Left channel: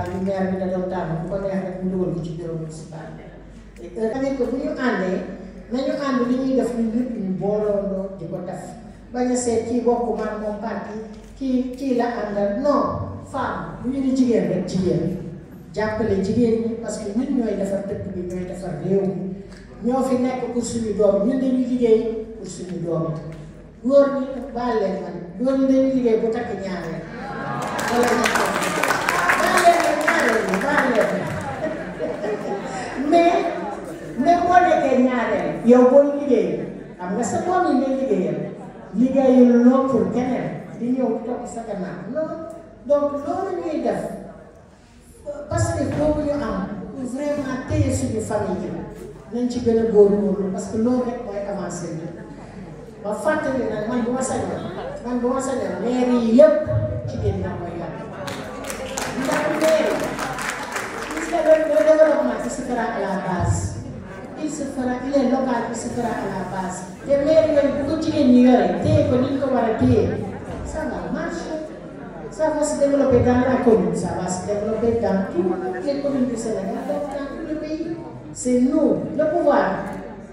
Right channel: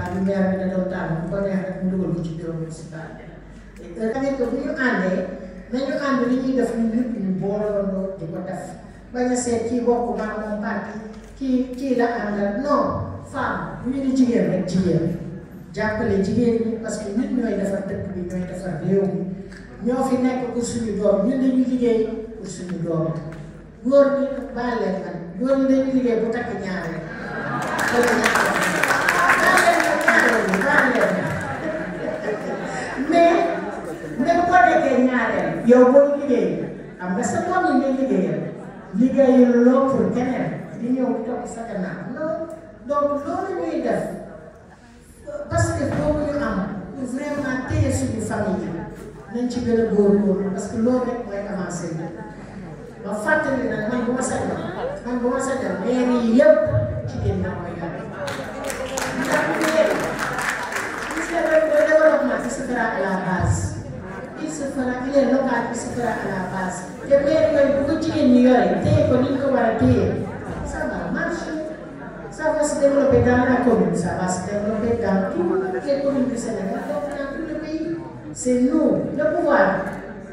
allah lu maire bi ne doon tànn bu ko neex rek mu dugal ko ci bureau municipal tamit que bu ñu àndee nañu ànd li ñuy def ñu ñëpp ñu booloo di ko def bañ a seet kii bokk man moom parti kii la àndal non femme bu ñu di jigéen rek jigéen jàppale jigéen ñi parce que ñun ñooy defar dëkk bi ñooy defar réew mi ñoo fi nekk pour suñu doom ñun dañuy liggéey pour suñu doom góor ñi baal leen man góor ñi dañuy liggéey bu takk ñaareel mais boo nekkee ñaareel yow boo liggéey xam nga sa doom yi ngay liggéeyal liggéeyal loo pour keneen di ñëw topp sa gannaaw non donc loolu ñuy def parce que boobu ñu am vraiment téye suñu famille yi nañ ci gën a góorgóorlu parce que loolu rek mooy avancé bi ba fàttali nag man bu ma sañoon maire yi yëpp jigéen ña mooy yàlla ndax maire gis nga le développement qui se fera à la base il est local qui se fera à la base te maire yooyu bu ko jigéen ñi yore téye ko ni ñu ko war a téye ça va marcher ça va se développer dans la commune ça va se développer dans toutes les communes du Sénégal donc dans tout le pays c'est nous le pouvoir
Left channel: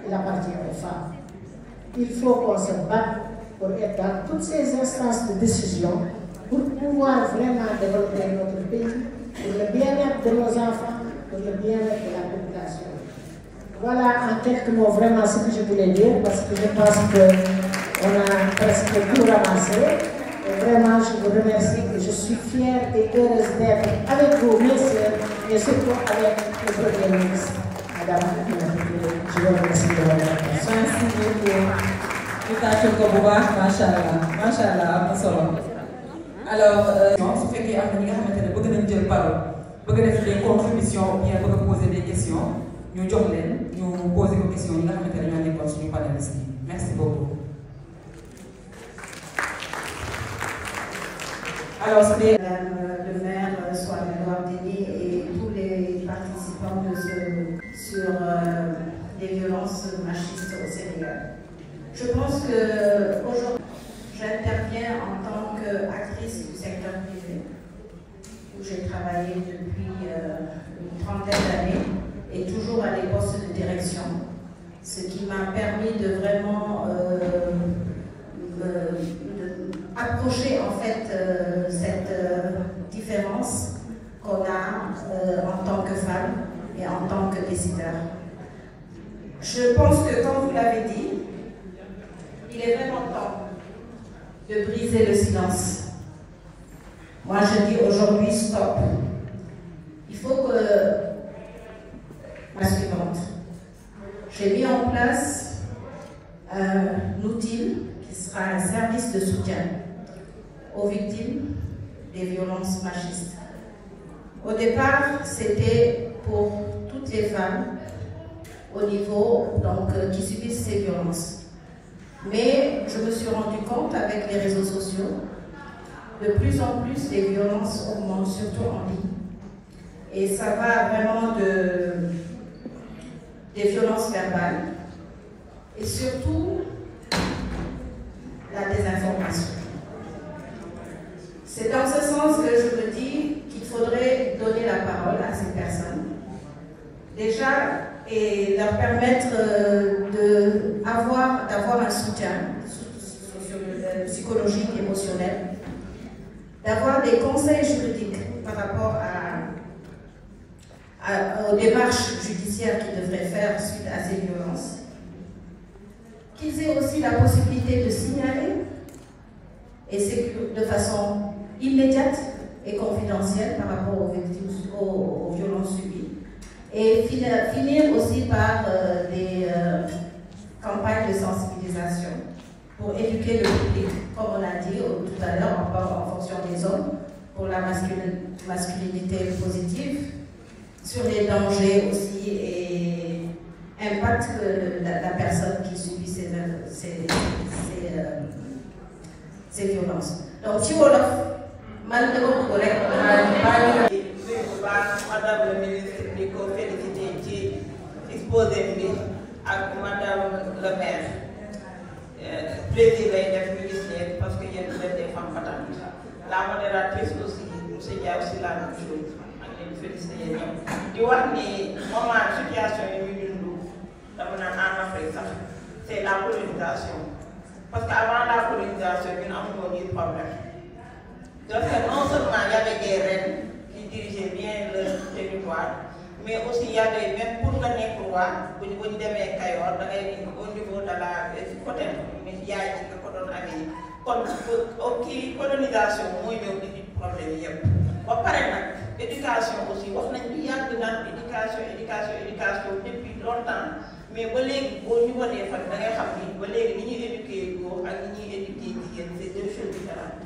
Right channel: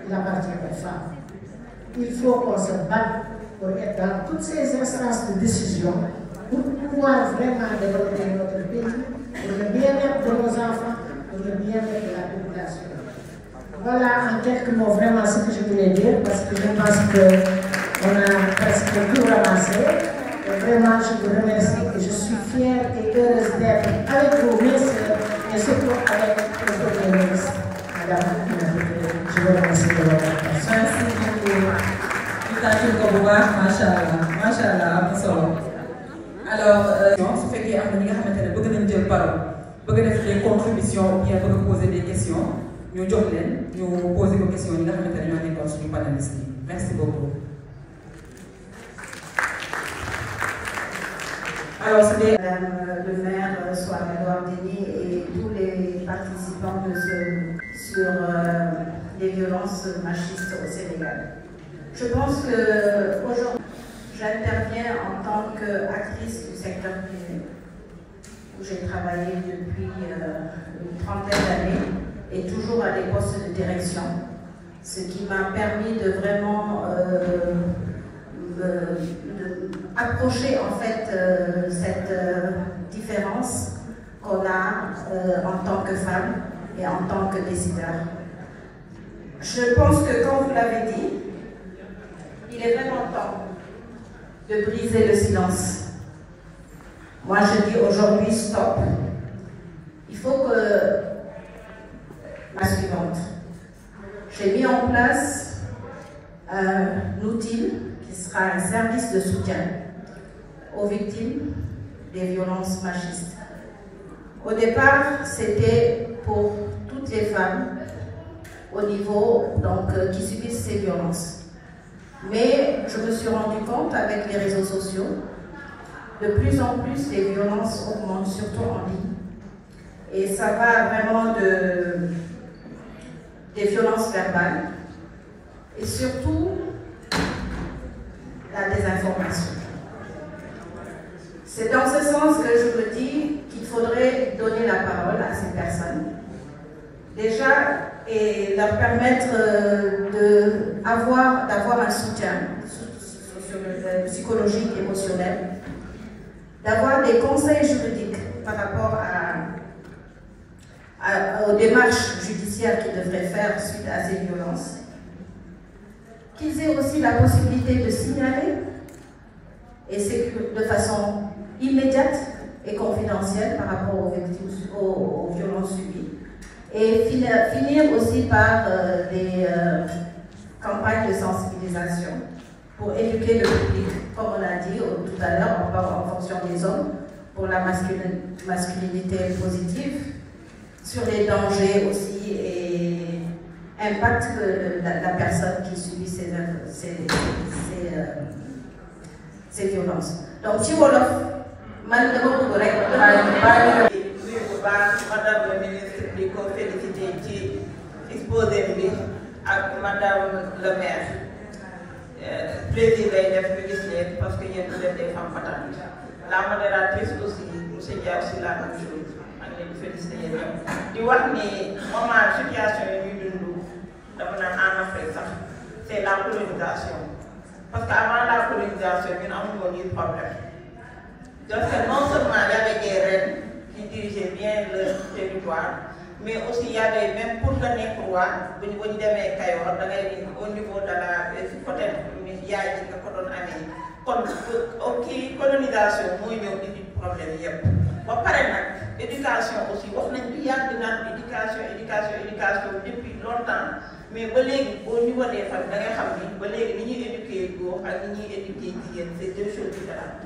il appartient aux femmes. Il faut qu'on se batte pour être dans toutes ces instances de décision pour pouvoir vraiment développer notre pays, pour le bien-être de nos enfants, pour le bien-être de la population. Voilà en quelques mots vraiment ce que je voulais dire parce que je pense qu'on a presque tout ramassé. Et vraiment, je vous remercie et je suis fière et heureuse d'être avec vous, mes sœurs, et surtout avec le Premier ministre, Madame Aminata Touré. Je vous remercie de votre attention. Merci beaucoup. Machallah, alors su fekkee am na ñi nga xamante ne bëgg nañ jël parole bëgg def des contributions ou bien bëgg poser des questions ñu jox leen ñu poser ko question ñi nga xamante ne ñoo nekkoon suñu panélistes yi merci beaucoup. Alors c'est Madame le maire Soham El Wardini et tous les participants sur les violences machistes au Sénégal. Je pense que aujourd'hui, j'interviens en tant qu'actrice du secteur privé, où j'ai travaillé depuis une trentaine d'années et toujours à des postes de direction, ce qui m'a permis de vraiment approcher en fait cette différence qu'on a en tant que femme et en tant que décideur. Je pense que, comme vous l'avez dit, il est vraiment temps de briser le silence. Moi, je dis aujourd'hui stop. Il faut que la suivante. J'ai mis en place un outil qui sera un service de soutien aux victimes des violences machistes. Au départ, c'était pour toutes les femmes au niveau qui subissent ces violences. Mais je me suis rendu compte avec les réseaux sociaux, de plus en plus les violences augmentent, surtout en ligne. Et ça va vraiment des violences verbales et surtout la désinformation. C'est dans ce sens que je me dis qu'il faudrait donner la parole à ces personnes. Déjà, et leur permettre d'avoir un soutien psychologique, émotionnel, d'avoir des conseils juridiques par rapport aux démarches judiciaires qu'ils devraient faire suite à ces violences, qu'ils aient aussi la possibilité de signaler, et c'est de façon immédiate et confidentielle par rapport aux violences subies. Et finir aussi par des campagnes de sensibilisation pour éduquer le public, comme on l'a dit tout à l'heure, en fonction des hommes, pour la masculinité positive, sur les dangers aussi et impact de la personne qui subit ces violences. Donc, si Wolof, madame le ministre di ko félicité ci exposé bi ak madame le maire plaisir lay def ñu gis leen parce que yéen vous êtes des femmes battante. La modératrice aussi monsieur Dia aussi la même chose ak félicité yéen di wax ni moment situation yi ñuy dund dama naan en Afrique sax c'est la colonisation parce que avant la colonisation ñun amuñu woon yi problème parce que non seulement y avait des reines qui dirigeaient bien leur territoire mais aussi y avait même pour nga nekk roi bu ñu demee Kayoor da ngay ni au niveau de la côté yaay ci nga ko doon amee kon kii colonisation mooy ñëw indi problème yëpp ba pare nag éducation aussi wax nañ bi yàgg naan éducation depuis longtemps mais ba léegi boo ñu wanee fan da ngay xam ni ba léegi ni ñuy éduquer góor ak ni ñuy éduquer jigéen c'est deux choses différentes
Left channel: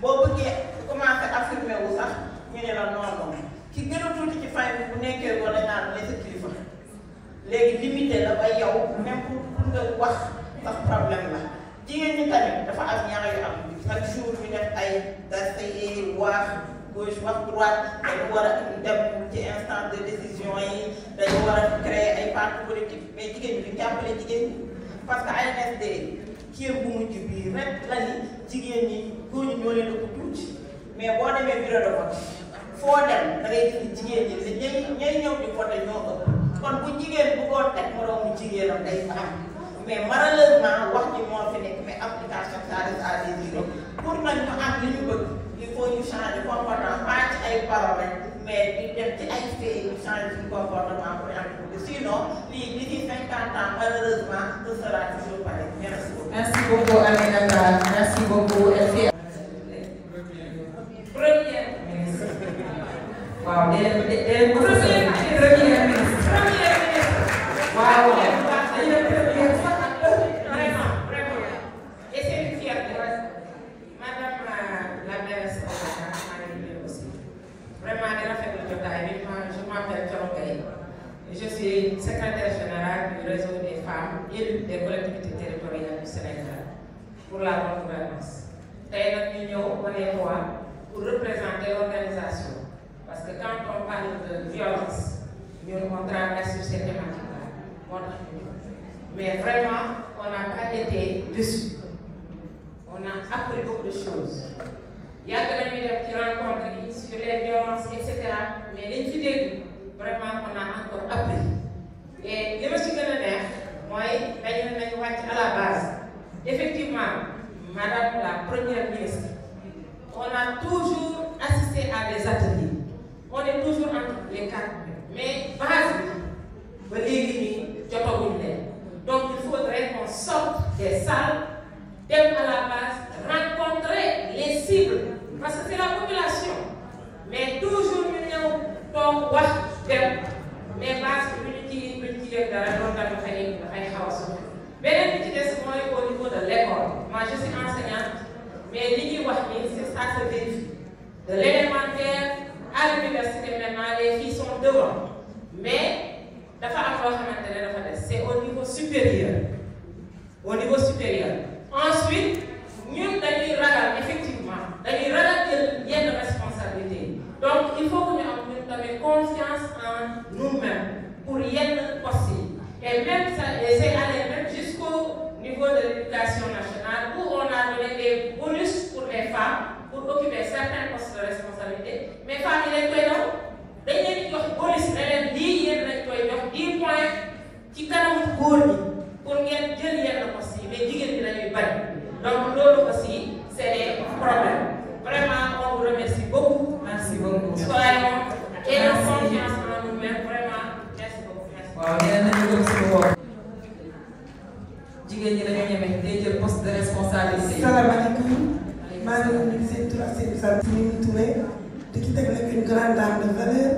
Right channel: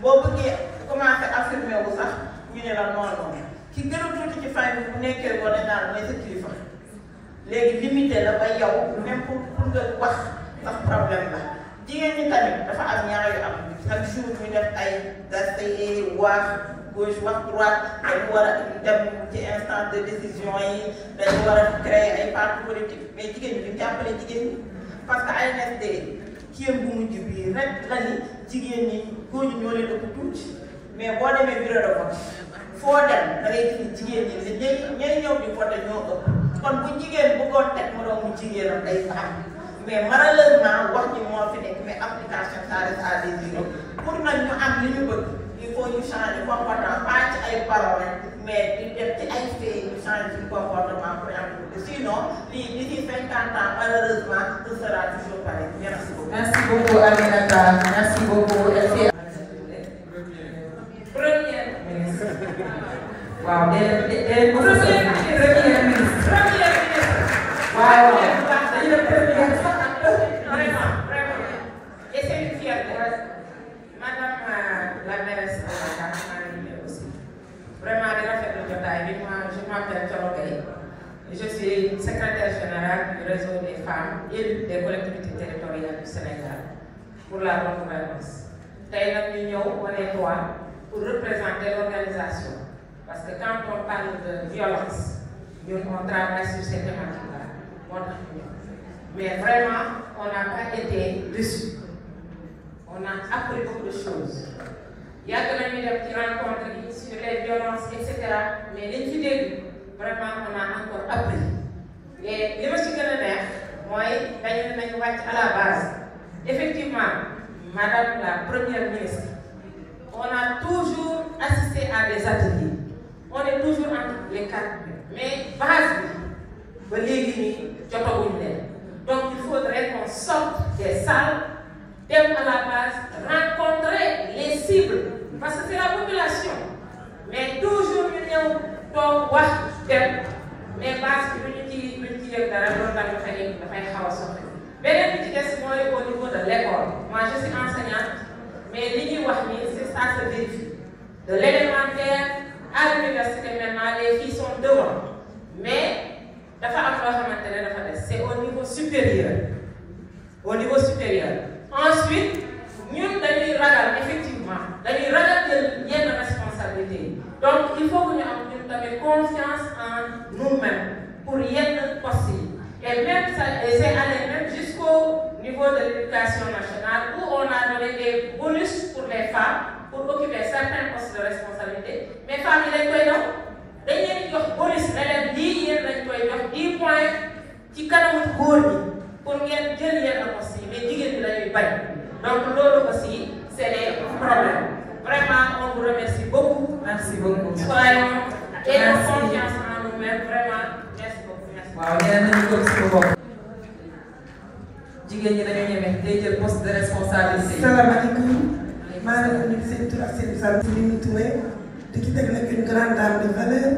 boo bëggee commencé affirmer wu sax ñu ne la non ki gën a tuuti ci famille bu nekkee wala naan mooy sa kilifa léegi limité la ba yow même pour nga wax sax problème la jigéen ñi tamit dafa am ñaar yu am chaque jour ñu def ay daste wax gauche wax droite dañu war a dem ci instant de décision yi dañu war a créer ay parti politique mais jigéen ñi duñ jàppale jigéen ñi parce que ANSD kii bu mujj bii rek la ni jigéen ñi góor ñi ñoo leen ëpp tuuti mais boo demee bureau de vote foo dem da ngay gis jigéen ñi ñay ñëw di vote ñoo ëpp kon bu jigéen bëggoon teg moroomu jigéenam day am mais malheureusement wax ji moo fi nekk mais application ça reste à désirer pour nag ñu am li ñu bëgg il faut ñu changer comportement pas ci ay paroles mais di def ci ay faits ñu changer suñu comportement pour am sinon lii d'ici 50 ans malheureusement ce sera toujours pareil. Merci beaucoup. Merci beaucoup Aminata, merci beaucoup. Première ministre. Waaw premier ministre. Waaw. Vraiment. Et c'est une fierté. Madame la mairesse de Dakar, Marie aussi. Vraiment, des rafetlu jotaay bi, moi je m'appelle Thioro Gaye. Je suis secrétaire générale du réseau des femmes élues des collectivités territoriales du Sénégal pour la bonne gouvernance. Tey nag ñu ñëw on est trois pour représenter l'organisation. Parce que quand on parle de violence, nous on travaille sur ces thématiques-là. Mais vraiment, on n'a pas été déçus. On a appris beaucoup de choses. Il y a de la qui rencontre sur les violences, etc. Mais les idées, vraiment, on a encore appris. Et les messieurs de la mer, moi, à la base. Effectivement, Madame la Première ministre, on a toujours assisté à des ateliers. On est toujours entre les quatre. Mais base, donc il faudrait qu'on sorte des salles, dem à la base, rencontrer les cibles. Parce que c'est la population. Mais toujours, nous avons dem. Mais base, au niveau de l'école. Moi, je suis enseignante. Mais c'est ça, c'est vérifie. De l'élémentaire à l'université maintenant, les filles sont devant. Mais c'est au niveau supérieur. Au niveau supérieur. Ensuite, nous devons effectivement, nous avons responsabilité. Donc, il faut que nous ayons confiance en nous-mêmes pour y être possible. Et même c'est allé même jusqu'au niveau de l'éducation nationale où on a donné des bonus pour les femmes pour occuper certains postes de responsabilité. Mais femmes, il est donc. Dañu leen jox bonus ne leen lii yéen lañ koy jox 10 points ci kanamu góor ñi pour ngeen jël yenn postes yi mais jigéen ñi lañuy bañ donc loolu aussi c'est des problèmes. Vraiment on vous remercie beaucoup. Merci beaucoup. Soyons et ayons confiance en nous-mêmes vraiment merci beaucoup. Waaw nee nañu ko suñu bopp. Jigéen ñi dañoo ñeme day jël poste de responsabilité. Salaamaaleykum maa ngi leen di seen tur ak seen sant ñu ngi Touré. di ci teg nag une grande dame de valeur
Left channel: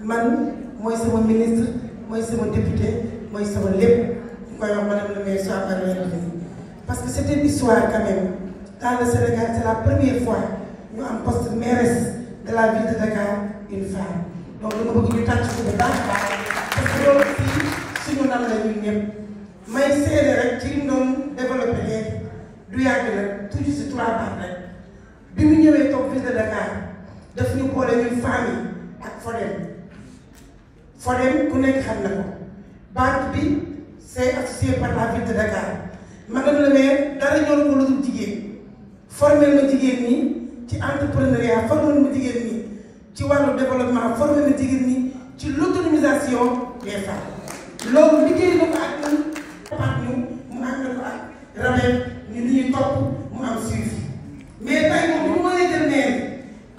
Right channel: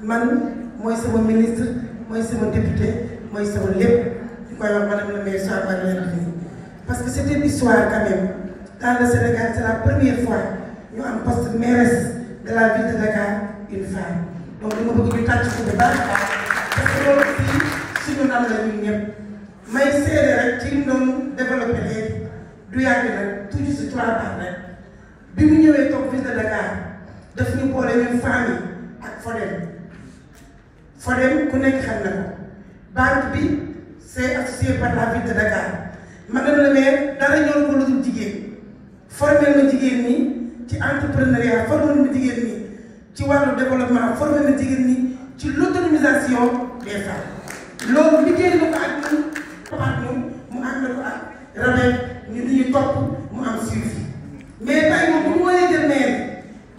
man mooy sama ministre mooy sama député mooy sama lépp ñu koy wax madame la maire Soham Wardini parce que c'est une histoire quand même dans le Sénégal c'est la première fois ñu am poste mairesse de la ville de Dakar une femme donc dama bëgg ñu tàcc ko bu baax parce que loolu fii suñu nam la ñun ñëpp may seede rek ci li mu doon développé léegi du yàgg nag toujours si 3 ans rek bi mu ñëwee toog ville de Dakar daf ñu boole ñun famille ak Fodem ku nekk xam na ko banque bi c'est associé par la ville de Dakar madame la maire dara ñoo ko lu dul jigéen formé ma jigéen ñi ci entrepreneuriat formé ma jigéen ñi ci wàllu développement formé na jigéen ñi ci l'autonomisation des femmes loolu liggéey na ko ak ñun mu ànd ko ak rabel ñu li ñuy topp mu am suivi mais tey moom bu mooy jël maire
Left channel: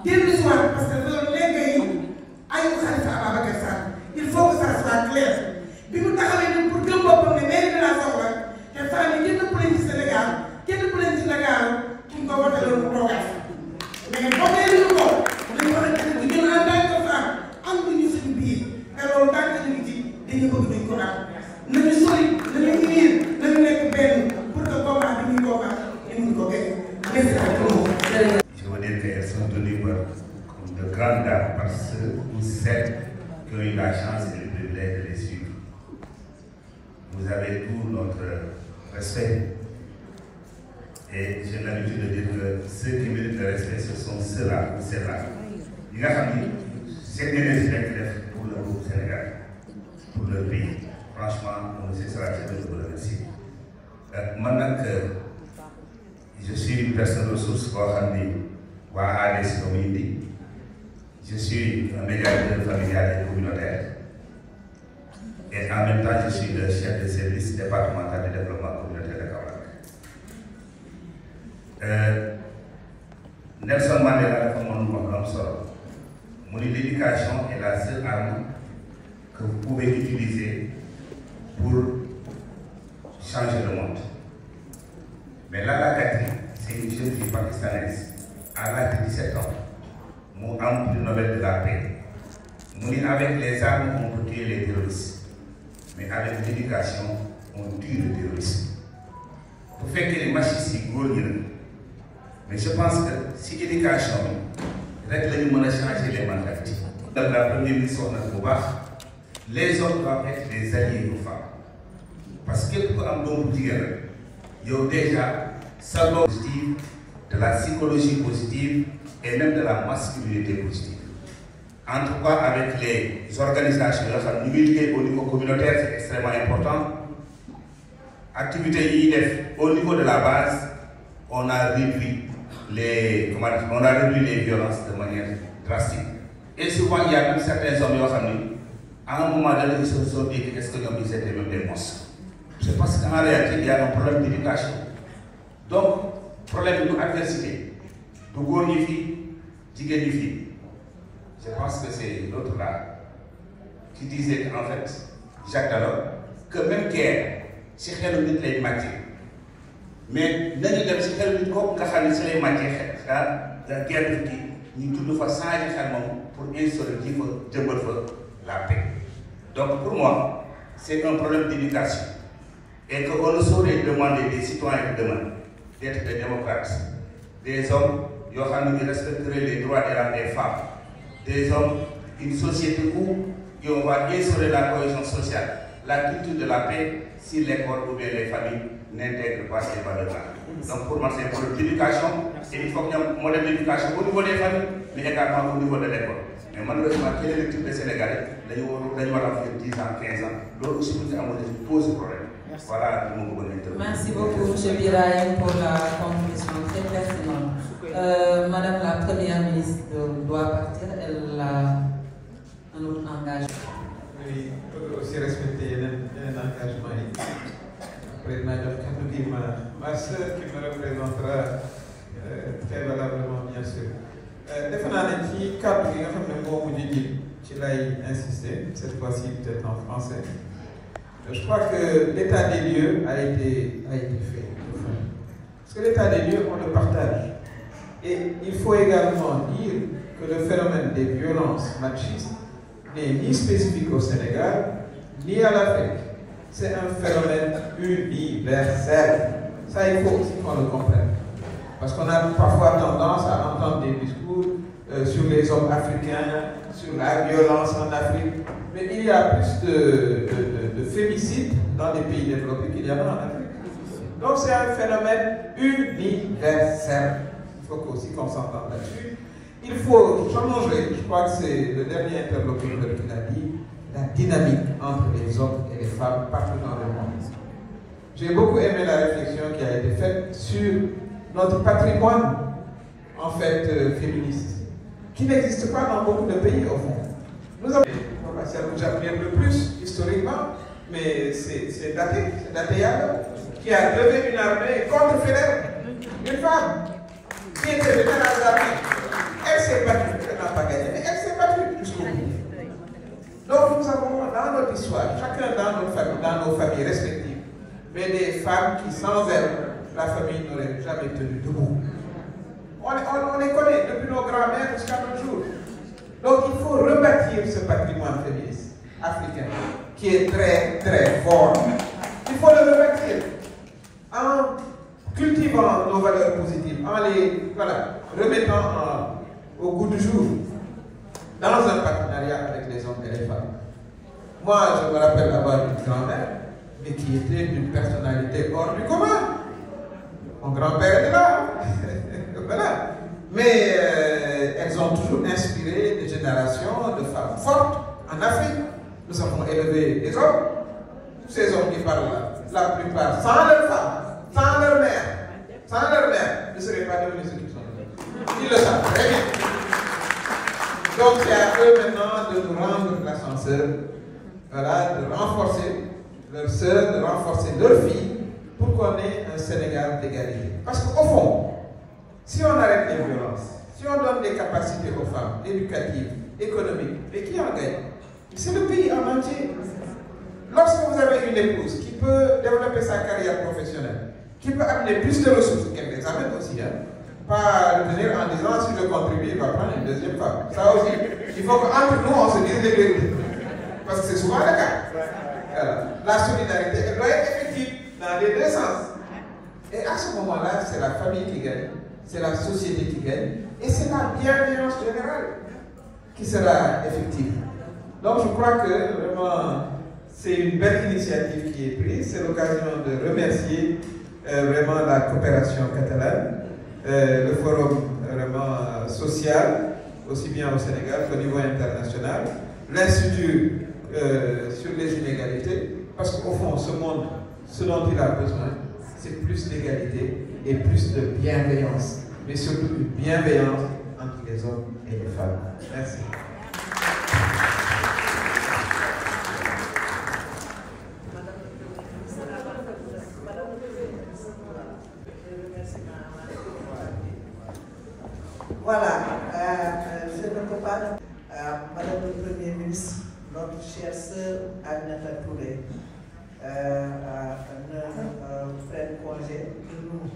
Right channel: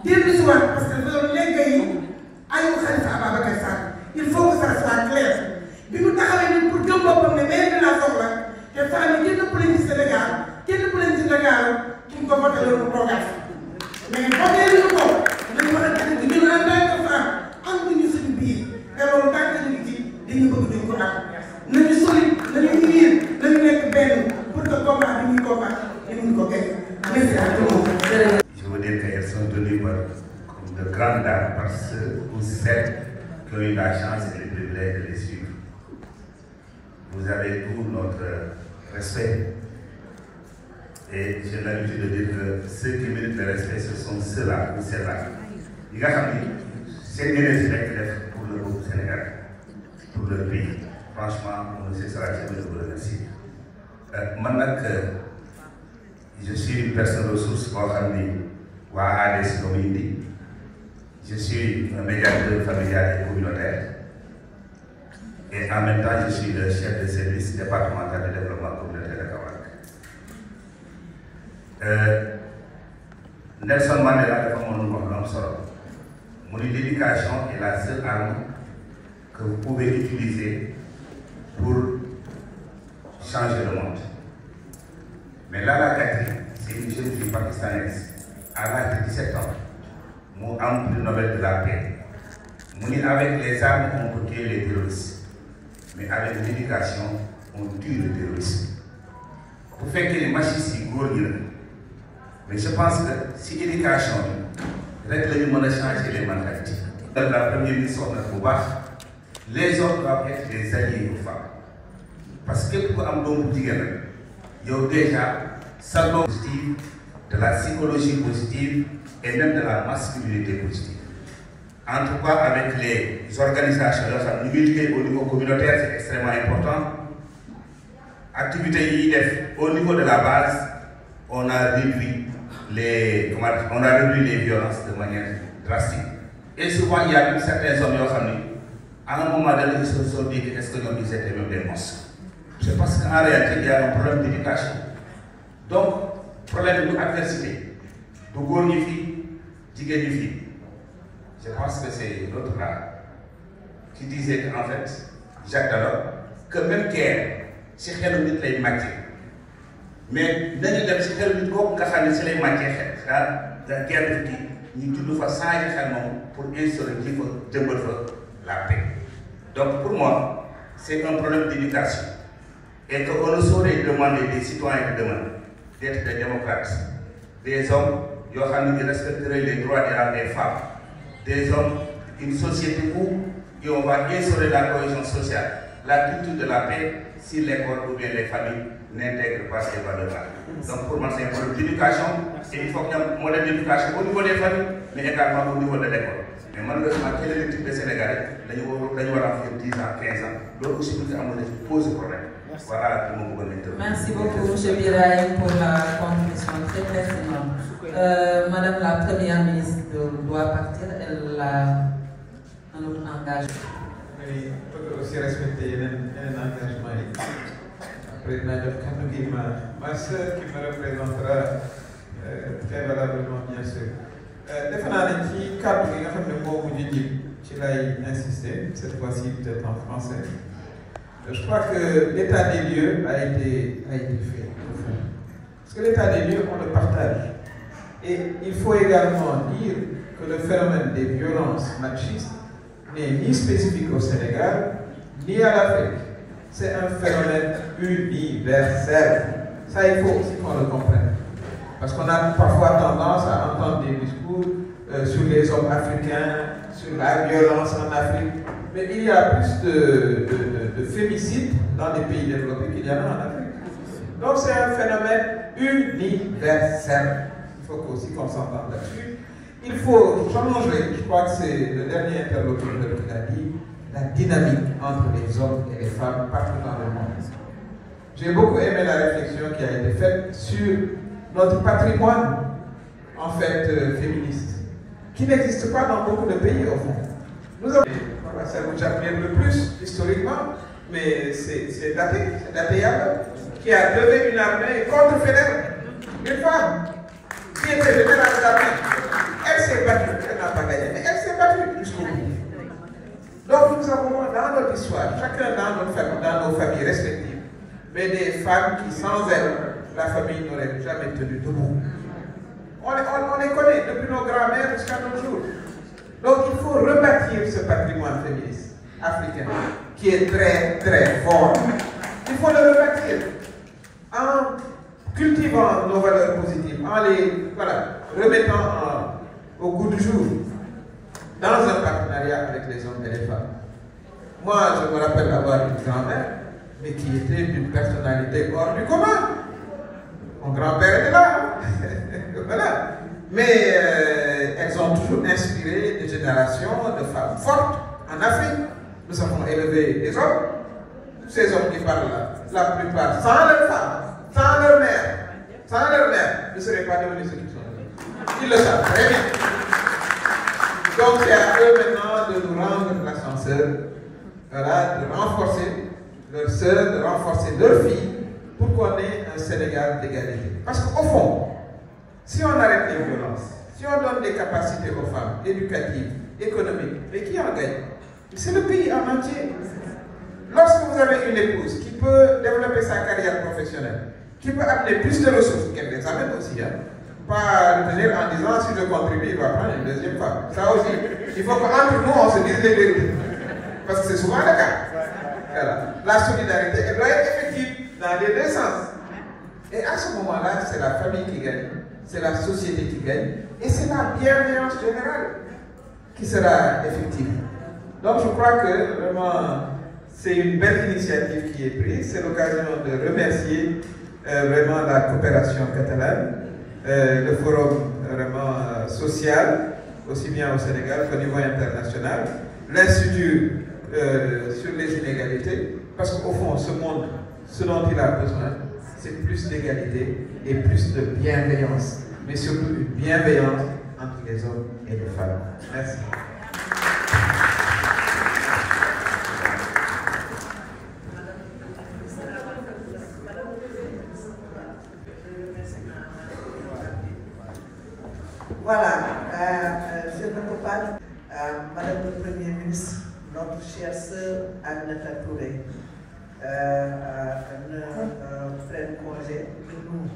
dellu si waat parce que loolu léegi yi ayu Khalifa Ababacar Sall il faut que ça soit clair bi mu taxawee ni pour gëm boppam ne maire bi laa soxla te femmes yi kenn ëppale ci Sénégal kenn ëppale ci Sénégal ki ñu ko voté loolu mu toogaat mais voté ñu ko dañu war a gën di ñun en tant que femme am nañu suñu biir te loolu tant que ñu ci dañu bëgg duñ ko am nañu sori nañu unir nañu nekk benn pour que combat bi ñuy combat ñu ko gagné. Merci à tout le monde. Je veux dire qu'elles sont tenues comme de grandes dames parce que vous celles qui ont eu la chance et le privilège de les suivre. Vous avez tout notre respect. Et j'ai l'habitude de dire que ceux qui méritent le respect, ce sont ceux-là ou celles-là. Il y a c'est une respect pour le groupe Sénégal, pour le pays. Franchement, on ne cessera jamais de vous remercier. Maintenant que je suis une personne ressource pour ADS Community, je suis un médiateur familial et communautaire. Et en même temps, je suis le chef de service départemental de développement communautaire de Kaolack. Nelson Mandela dafa mënul wax lu am solo mu ni l'éducation est la seule arme que vous pouvez utiliser pour changer le monde. Mais Lala Katri, c'est une jeune fille pakistanaise à l'âge de 17 ans, mu am prix Nobel de la paix. Mu ni avec les armes on peut tuer les terroristes, mais avec l'éducation on tue le terrorisme. Bu fekkee ni machines yi góor ñi la mais je pense que si éducation bi rek la ñu mën a changer les mentalités. Dans la première mission nag bu baax les hommes doivent être des alliés aux femmes parce que képp ku am doom bu jigéen rek yow déjà sa doom positive de la psychologie positive et même de la masculinité positive. En tout cas avec les organisations yoo xam ñu ngi liggéey au niveau communautaire c'est extrêmement important. Activités yi def au niveau de la base on a réduit les violences de manière drastique. Et souvent il y a même certains hommes yoo xam ni à un moment donné ils se sont dit que est-ce que ñoom ils étaient même des monstres. C'est parce qu'en réalité il y a un problème d'éducation. Donc problème de adversité du góor ñi fii jigéen ñi fii. Je pense que c'est l'autre là qui disait qu'en fait Jacques Delors que même guerre ci xelu nit lay màcce mais nañu dem ci xelu nit kooku nga xam ne ci lay màccee xel daal guerre bi kii ñu judd fa changer xel moom pour instaurer ji fa jëmbal fa la paix. Donc pour moi c'est un problème d'éducation et qu'on ne saurait demander des citoyens de demain d'être des démocrates, des hommes yoo xam ne ñu respecteraient les droits des femmes, des hommes, une société où on va instaurer la cohésion sociale, la culture de la paix si l'école ou bien les familles n'intègrent pas ces valeurs-là. Donc pour moi c'est un problème d'éducation et il faut qu'il y ait un modèle d'éducation au niveau des familles mais également au niveau de l'école. Mais malheureusement quel est le type de Sénégalais dañu war a faire 10 ans 15 ans loolu aussi bu ñu amoon pose problème. Voilà li ma bëggoon a intervenir. Merci beaucoup M. Birahim pour la contribution très pertinente. Madame la Première ministre doit partir, elle a un autre engagement. Oui, il faut aussi respecter un engagement. Président ma soeur qui me représentera très valablement bien sûr. Defe naa ne ci cadre yi nga xam ne moo mujj ji ci lay insister cette fois-ci peut-être en français. Je crois que l'état des lieux a été fait. Parce que l'état des lieux, on le partage. Et il faut également dire que le phénomène des violences machistes n'est ni spécifique au Sénégal, ni à l'Afrique. C'est un phénomène universel. Ça, il faut aussi qu'on le comprenne. Parce qu'on a parfois tendance à entendre des discours sur les hommes africains, sur la violence en Afrique. Mais il y a plus de féminicides dans les pays développés qu'il y en a en Afrique. Donc c'est un phénomène universel. Il faut aussi qu'on s'entende là-dessus. Il faut changer, je crois que c'est le dernier interlocuteur qui l'a dit, la dynamique entre les hommes et les femmes partout dans le monde. J'ai beaucoup aimé la réflexion qui a été faite sur notre patrimoine, en fait, féministe. qui n'existe pas dans beaucoup de pays au fond. Nous avons, voilà, ça nous admire le plus historiquement, mais c'est daté alors, qui a levé une armée contre Faidherbe, une femme qui était générale d'armée. Elle s'est battue, elle n'a pas gagné, mais elle s'est battue jusqu'au bout. Donc nous avons dans notre histoire, chacun dans nos familles respectives, mais des femmes qui sans elles, la famille n'aurait jamais tenu debout. On les connaît depuis nos grands-mères jusqu'à nos jours. Donc il faut rebâtir ce patrimoine féministe africain qui est très très fort. Il faut le rebâtir en cultivant nos valeurs positives, en les remettant au goût du jour dans un partenariat avec les hommes et les femmes. Moi, je me rappelle avoir une grand-mère, mais qui était d'une personnalité hors du commun. Mon grand-père est là. Voilà. Mais elles ont toujours inspiré des générations de femmes fortes en Afrique. Nous avons élevé des hommes. Ces hommes qui parlent là, la plupart, sans leur femme, sans leur mère, ne seraient pas devenus ce qu'ils sont devenus. Ils le savent très bien. Donc c'est à eux maintenant de nous rendre l'ascenseur, voilà, de renforcer leurs sœurs, de renforcer leurs filles, pour qu'on ait un Sénégal d'égalité. Parce qu'au fond, si on arrête les violences, si on donne des capacités aux femmes, éducatives, économiques, mais qui en gagne? C'est le pays en entier. Lorsque vous avez une épouse qui peut développer sa carrière professionnelle, qui peut amener plus de ressources, qu'elle les amène aussi, hein, pas retenir en disant si je contribue, il va prendre une deuxième femme. Ça aussi, il faut qu'entre nous, on se dise les vérités. Parce que c'est souvent le cas. Voilà. La solidarité, elle doit être effective dans les deux sens. Et à ce moment-là, c'est la famille qui gagne, c'est la société qui gagne, et c'est la bienveillance générale qui sera effective. Donc je crois que vraiment, c'est une belle initiative qui est prise. C'est l'occasion de remercier vraiment la coopération catalane, le forum vraiment social, aussi bien au Sénégal qu'au niveau international, l'Institut sur les inégalités, parce qu'au fond, ce monde, ce dont il a besoin, c'est plus d'égalité et plus de bienveillance, mais surtout une bienveillance entre les hommes et les femmes. Merci. Voilà, je ne peux pas, Madame le Premier ministre, notre chère sœur Aminata Touré, ne prenne congé de nous,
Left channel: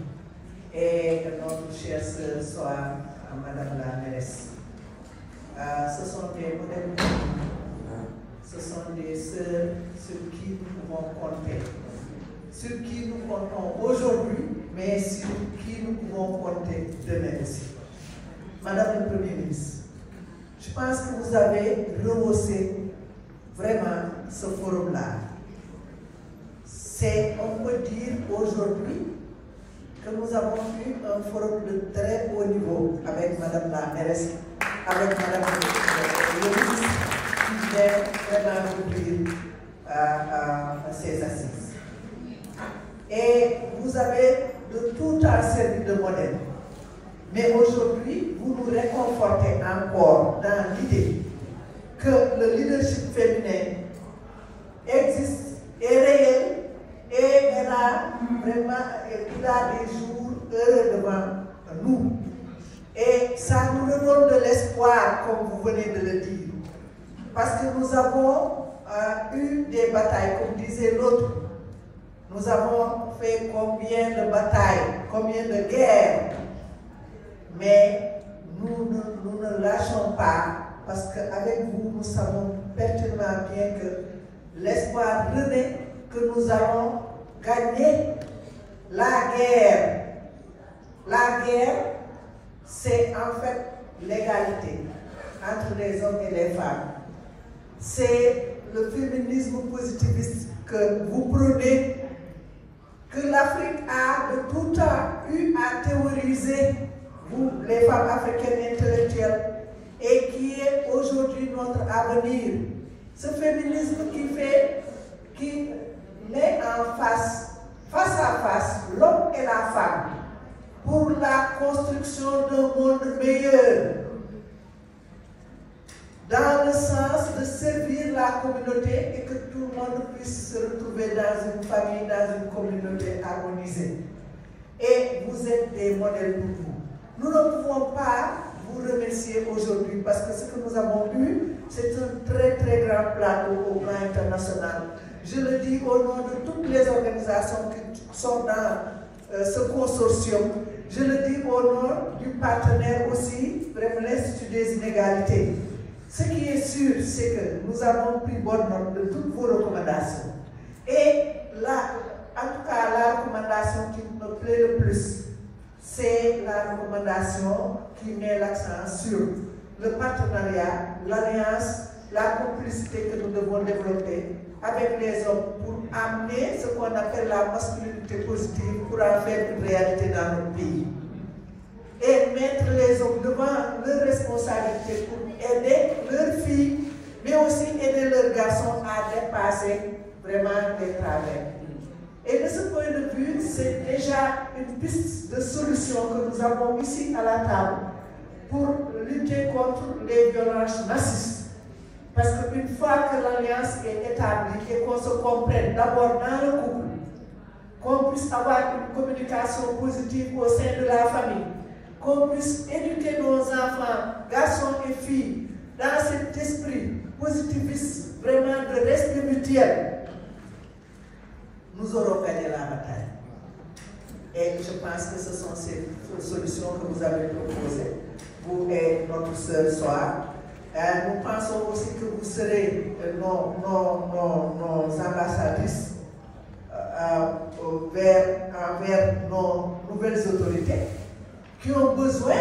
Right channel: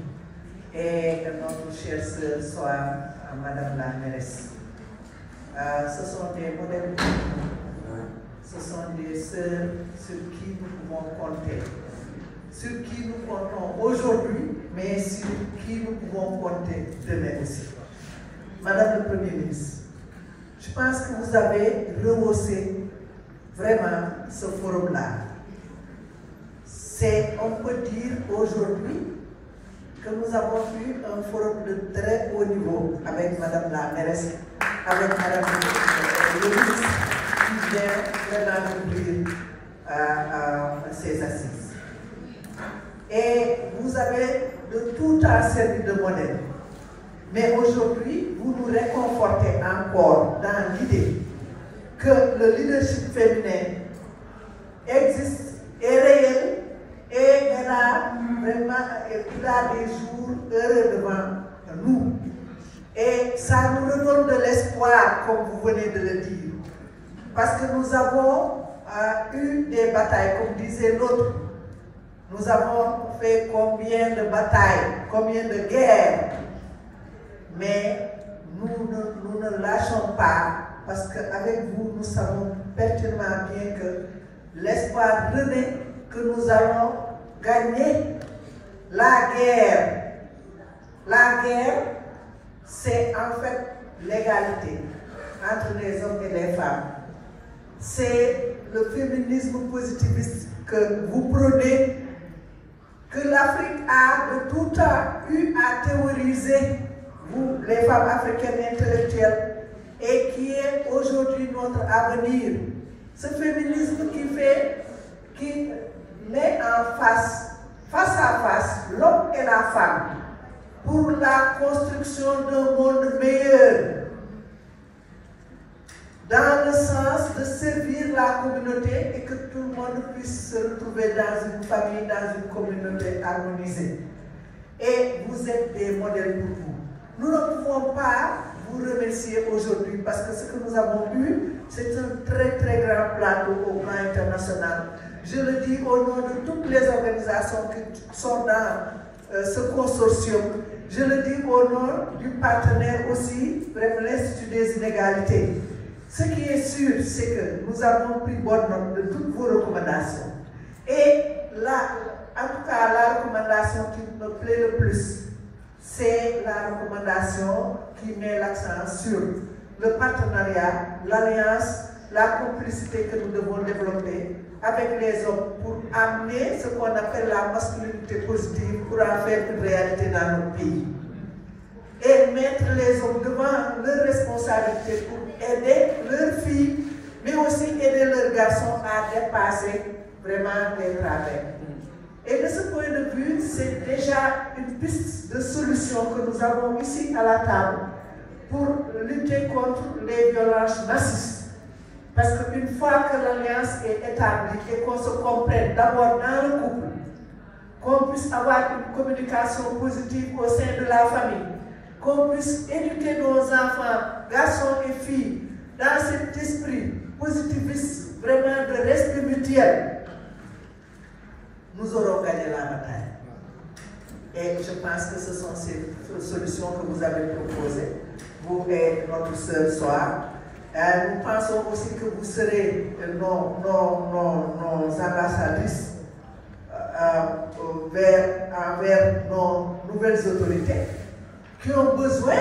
et que notre chère sœur soit Madame la mairesse. Ce sont des modèles, ce sont des sœurs sur qui nous pouvons compter, sur qui nous comptons aujourd'hui, mais sur qui nous pouvons compter demain aussi. Madame le Premier ministre, je pense que vous avez rehaussé vraiment ce forum-là. On peut dire aujourd'hui que nous avons eu un forum de très haut niveau avec Madame la mairesse, avec Madame le ministre qui vient vraiment ouvrir ces assises. Et vous avez de tout temps servi de modèle. Mais aujourd'hui, vous nous réconfortez encore dans l'idée que le leadership féminin existe, est réel et il a des jours heureux devant nous. Et ça nous redonne de l'espoir, comme vous venez de le dire. Parce que nous avons eu des batailles, comme disait l'autre. Nous avons fait combien de batailles, combien de guerres. Mais nous ne lâchons pas, parce qu'avec vous, nous savons pertinemment bien que l'espoir renaît, que nous allons gagner la guerre. La guerre, c'est en fait l'égalité entre les hommes et les femmes. C'est le féminisme positiviste que vous prônez, que l'Afrique a de tout temps eu à théoriser, vous, les femmes africaines intellectuelles, et qui est aujourd'hui notre avenir. Ce féminisme qui met en face à face, l'homme et la femme, pour la construction d'un monde meilleur. dans le sens de servir la communauté et que tout le monde puisse se retrouver dans une famille, dans une communauté harmonisée. Et vous êtes des modèles pour vous. Nous ne pouvons pas vous remercier aujourd'hui parce que ce que nous avons eu, c'est un très très grand plateau au plan international. Je le dis au nom de toutes les organisations qui sont dans ce consortium. Je le dis au nom du partenaire aussi, l'Institut des inégalités. Ce qui est sûr, c'est que nous avons pris bonne note de toutes vos recommandations. Et là, en tout cas, la recommandation qui me plaît le plus, c'est la recommandation qui met l'accent sur le partenariat, l'alliance, la complicité que nous devons développer avec les hommes pour amener ce qu'on appelle la masculinité positive pour en faire une réalité dans notre pays. Et mettre les hommes devant leurs responsabilités pour aider leurs filles, mais aussi aider leurs garçons à dépasser vraiment les travers. Et de ce point de vue, c'est déjà une piste de solution que nous avons ici à la table pour lutter contre les violences racistes. Parce qu'une fois que l'alliance est établie et qu'on se comprenne d'abord dans le couple, qu'on puisse avoir une communication positive au sein de la famille, qu'on puisse éduquer nos enfants, garçons et filles, dans cet esprit positiviste, vraiment de respect mutuel, nous aurons gagné la bataille. Et je pense que ce sont ces solutions que vous avez proposées, vous et notre sœur Soar. Nous pensons aussi que vous serez nos ambassadrices envers nos nouvelles autorités qui ont besoin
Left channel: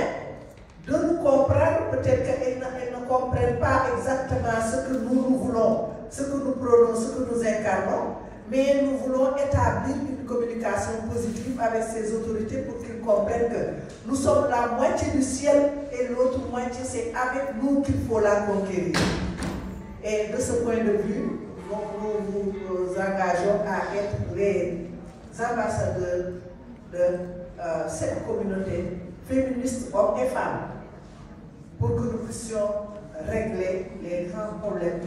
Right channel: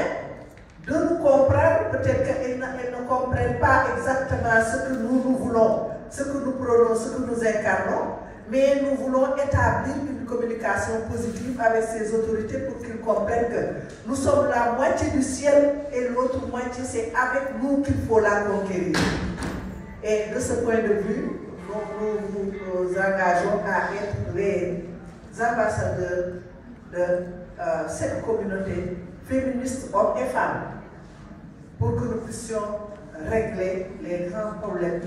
de nous comprendre. Peut-être qu'elles ne comprennent pas exactement ce que nous voulons, ce que nous prônons, ce que nous incarnons, mais nous voulons établir une communication positive avec ces autorités pour qu'ils comprennent que nous sommes la moitié du ciel et l'autre moitié, c'est avec nous qu'il faut la conquérir. Et de ce point de vue, nous nous engageons à être les ambassadeurs de cette communauté féministe, hommes et femmes, pour que nous puissions régler les grands problèmes,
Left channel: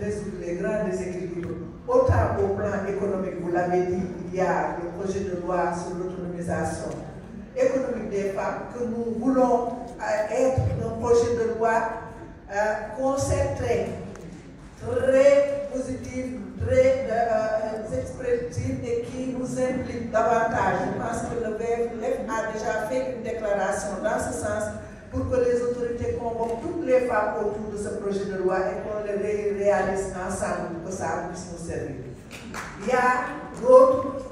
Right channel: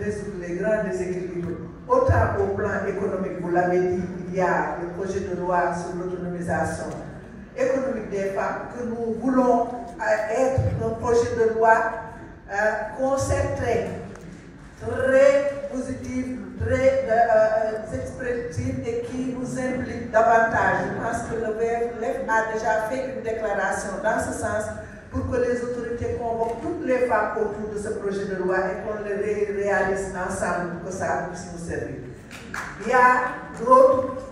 résoudre les grands déséquilibres, autant au plan économique, vous l'avez dit, il y a le projet de loi sur l'autonomisation économique des femmes, que nous voulons être un projet de loi concentré, très positif, très expressif et qui nous implique davantage. Je pense que le VFLF a déjà fait une déclaration dans ce sens pour que les autorités convoquent toutes les femmes autour de ce projet de loi et qu'on le réalise ensemble pour que ça puisse nous servir. Il y a d'autres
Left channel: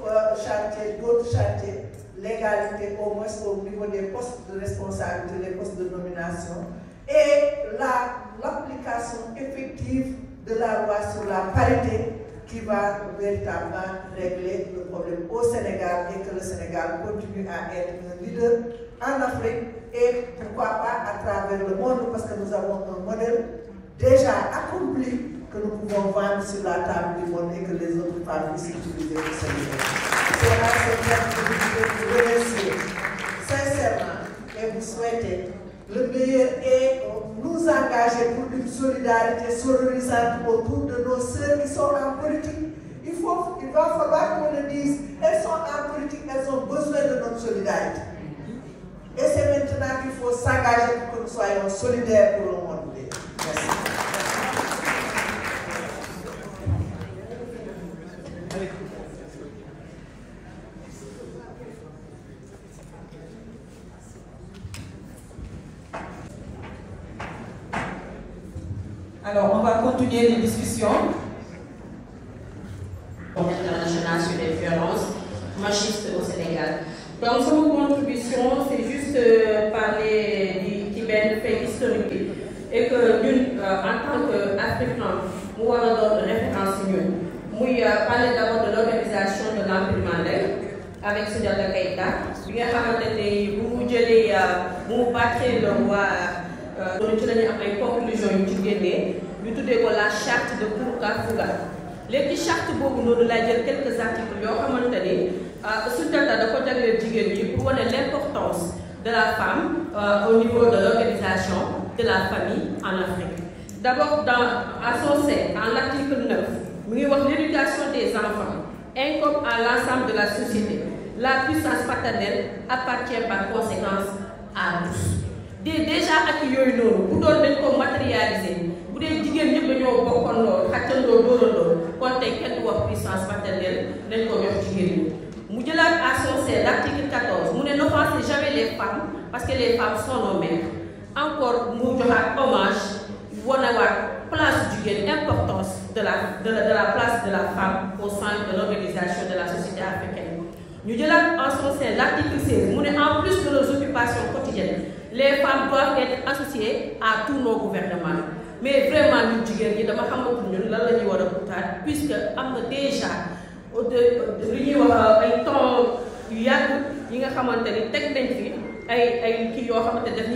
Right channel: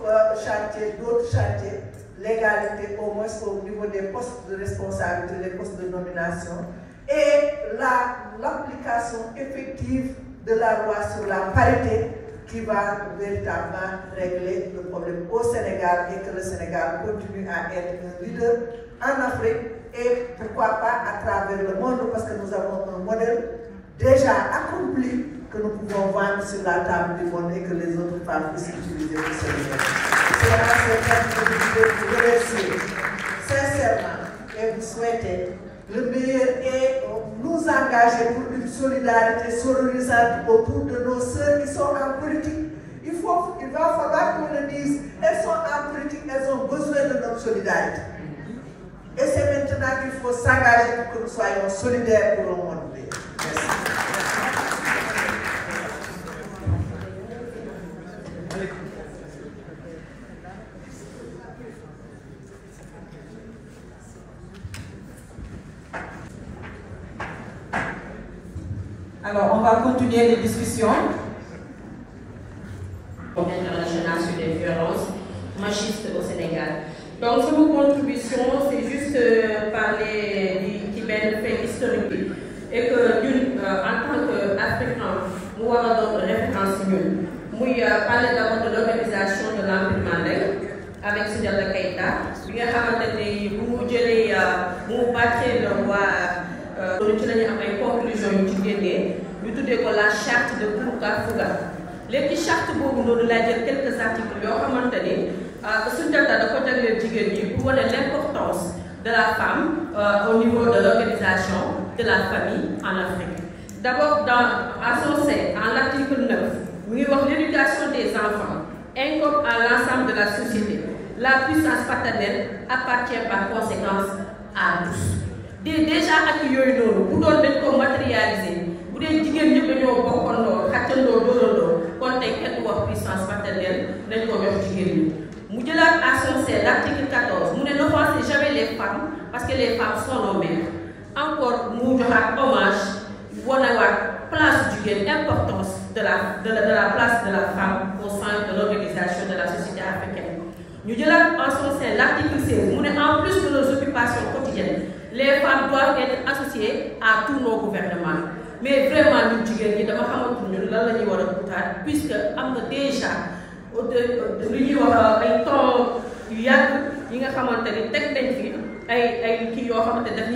chantiers, l'égalité au moins au niveau des postes de responsabilité, les postes de nomination, et l'application effective de la loi sur la parité qui va véritablement régler le problème au Sénégal et que le Sénégal continue à être un leader en Afrique et pourquoi pas à travers le monde, parce que nous avons un modèle déjà accompli que nous pouvons vendre sur la table du monde et que les autres femmes puissent utiliser au Sénégal. C'est à cette date que je voulais vous remercier sincèrement et vous souhaiter le meilleur et nous engager pour une solidarité sororisante autour de nos sœurs qui sont en politique. Il va falloir qu'on le dise, elles sont en politique, elles ont besoin de notre solidarité. Et c'est maintenant qu'il faut s'engager pour que nous soyons solidaires pour le monde. Merci. Alors, on va continuer les discussions. International sur les violences machistes au Sénégal. Donc, sur nos contributions, c'est juste parler du bel fait historique et que nous, en tant qu'Africains, nous avons une référence. Nous parler d'abord de l'organisation de l'Empire Mandé avec Soundiata Keïta. Nous avons bâti le roi. Nous avons une conclusion nous la charte de Kourouka Fouga. Les chartes nous avons quelques articles qui ont pour l'importance de la femme au niveau de l'organisation de la famille en Afrique. D'abord, à son sein, en l'article 9, l'éducation des enfants incombe à l'ensemble de la société. La puissance paternelle appartient par conséquence à tous. Déjà accueillis nous, pour donner comme matérialiser, pour les jigéen ñëpp dañoo bokkandoo xàccandoo dóorandoo kon tey kenn du wax puissance paternelle dañ ko jox jigéen ñi. Mu jëlaat à son sein l'article 14 mu ne n'offensez jamais les femmes parce que les femmes sont nos mères. Encore mu joxaat hommage wonawaat place jigéen, importance de la place de la femme au sein de l'organisation de la société africaine. Nous avons en son sein l'article 16, en plus de nos occupations quotidiennes, les femmes doivent être associées à tous nos gouvernements. Mais vraiment, nous disons que puisque nous avons déjà un temps qui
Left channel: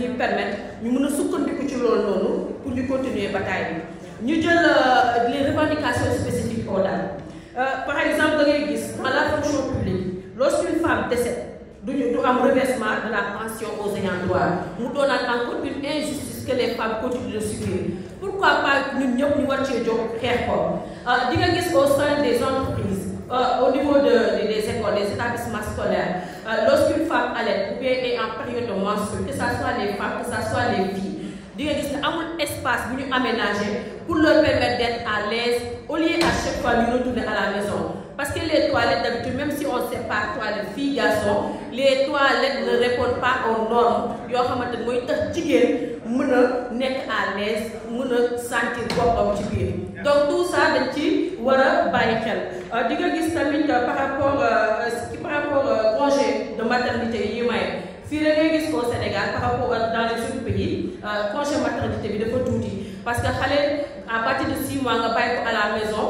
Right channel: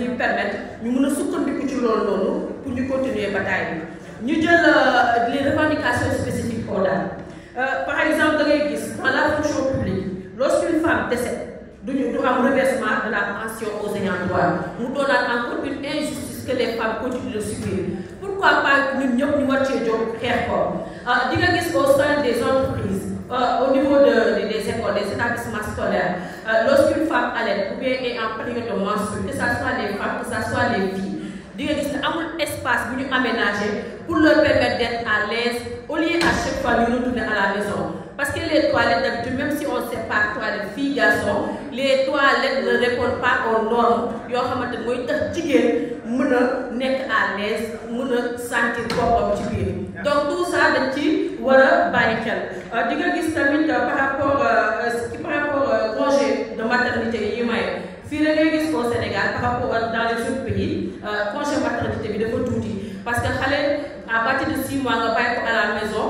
nous permettre de sukkandiku ci loolu noonu pour ñu continuer bataille bi ñu jël les revendications spécifiques aux dames. Par exemple, dans la fonction publique, lorsqu'une femme décède, nous avons un reversement de la pension aux ayants droit. Nous donnons encore une injustice que les femmes continuent de subir. Pourquoi pas nous nous au sein des entreprises, au niveau des écoles, des établissements scolaires, lorsqu'une femme allait ou bien est en période de menstruation, que ce soit les femmes, que ce soit les filles, il y a un espace aménagé pour leur permettre d'être à l'aise au lieu à chaque fois de retourner à la maison. Parce que les toilettes d'habitude, même si on sépare toilettes filles, garçons, les toilettes ne répondent pas aux normes. Ils ont à l'aise, sentir donc tout ça, par rapport au congé de maternité, au Sénégal, par rapport dans les autres pays, congé de maternité, il faut tout dire. Parce que à partir de 6 mois, on va à la maison.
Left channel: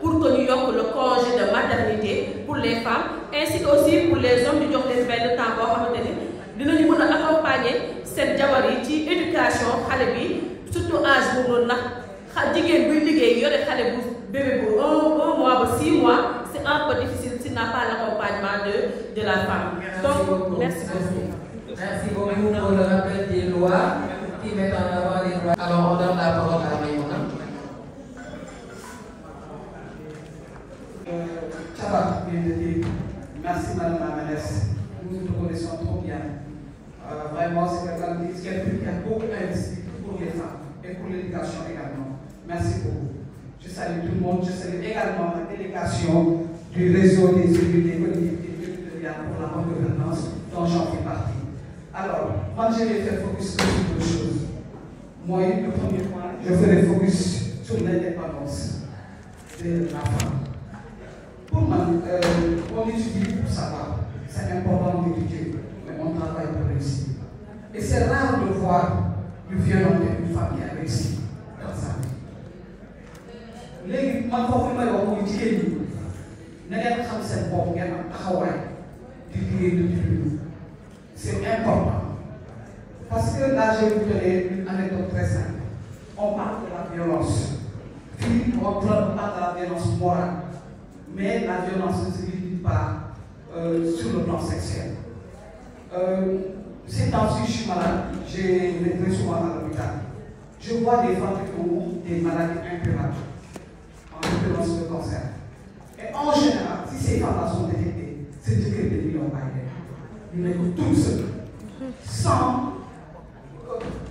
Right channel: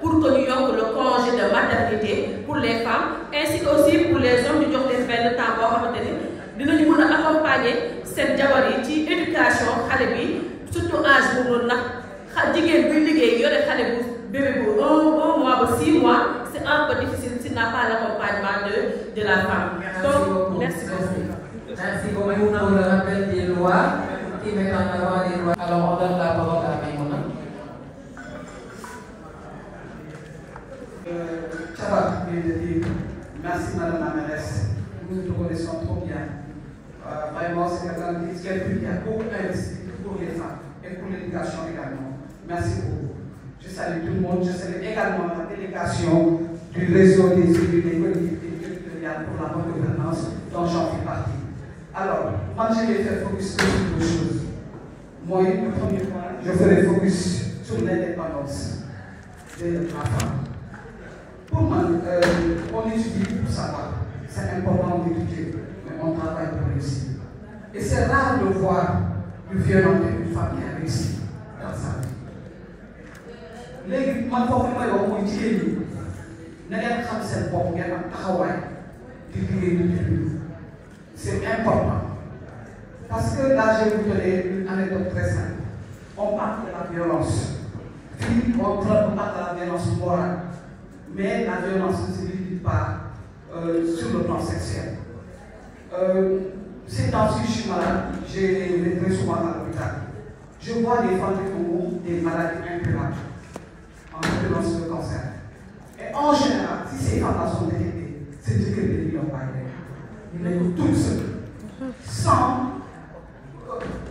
Pour que nous ayons le congé de maternité pour les femmes ainsi aussi pour les hommes nous avons le temps nous accompagner cette éducation surtout âge bébé 1 mois 6 mois c'est un peu difficile s'il n'a pas l'accompagnement de la femme. Donc merci beaucoup. Merci beaucoup pour le rappel des lois qui mettent en avant les lois. Alors on donne la parole à Mayona. Merci Madame la mairesse. Nous nous connaissons trop bien. Vraiment, c'est quelqu'un qui a beaucoup investi pour les femmes et pour l'éducation également. Merci beaucoup. Je salue tout le monde. Je salue également la délégation du réseau des élus des collectivités territoriales pour la bonne gouvernance dont j'en fais partie. Alors, moi je vais faire focus sur deux choses. Moi, le premier point, je ferai focus sur l'indépendance de la femme. Pour moi, on étudie pour savoir. C'est important d'étudier, mais on travaille pour réussir. Et c'est rare de voir le violon d'une femme qui a réussi dans sa vie. Les gens c'est important. Parce que là, je vais vous donner une anecdote très simple. On parle de la violence. Puis, on parle de la violence morale. Mais la violence ne se limite pas sur le plan sexuel. Ces temps-ci, je suis malade, j'ai été souvent à l'hôpital. Je vois des femmes qui ont des maladies incurables, en l'occurrence le cancer. Et en général, si ces femmes-là sont détectées, c'est dire que les millions par terre. Ils les toutes seules, sans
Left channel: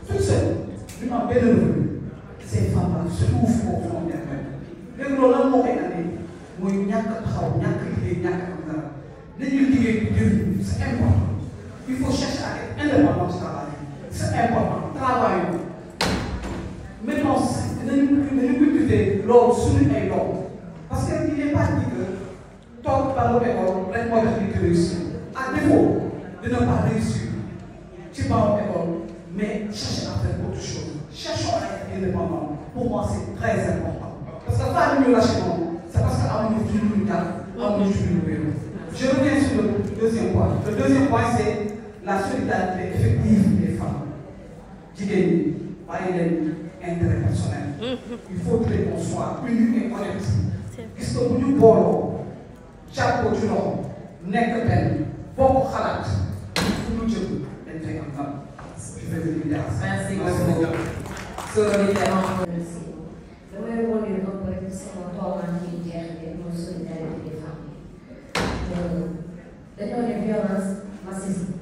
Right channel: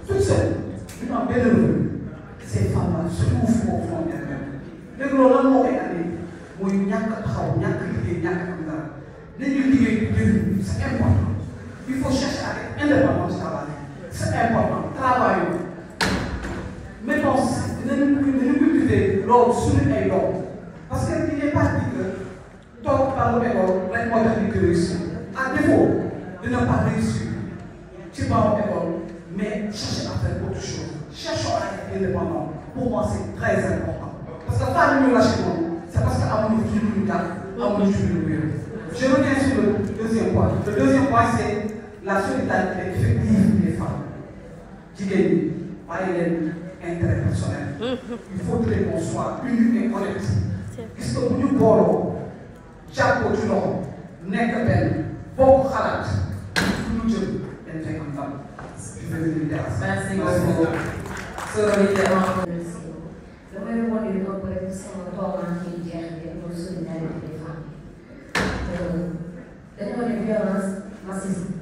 toutes seules, une belle revue. Ces femmes-là souffrent au fond d'elles-mêmes. Mais le moment où c'est important. Il faut chercher à être indépendant du travail. C'est important. Travaillons. Maintenant, nous cultiver l'ordre sur et l'ordre. Parce qu'il n'est pas dit que tant par le même que réussir. À défaut de ne pas réussir, tu vas en école, mais cherche à faire autre chose. Cherchons à être indépendant. Pour moi, c'est très important. Parce que pas mieux lâcher non. C'est parce qu'à mon niveau, je reviens sur le deuxième point. Le deuxième point, c'est la solidarité effective des femmes. Qui par les intérêts personnels. Il faut que l'on soit unis et honnêtes. Puisque nous borons, chaque côté de l'homme, n'est que peine, beaucoup de nous Merci beaucoup. damay rebondir un peu rek sama toogaan ci jeexite mooy solidarité des femmes. dañoo ne violence massive.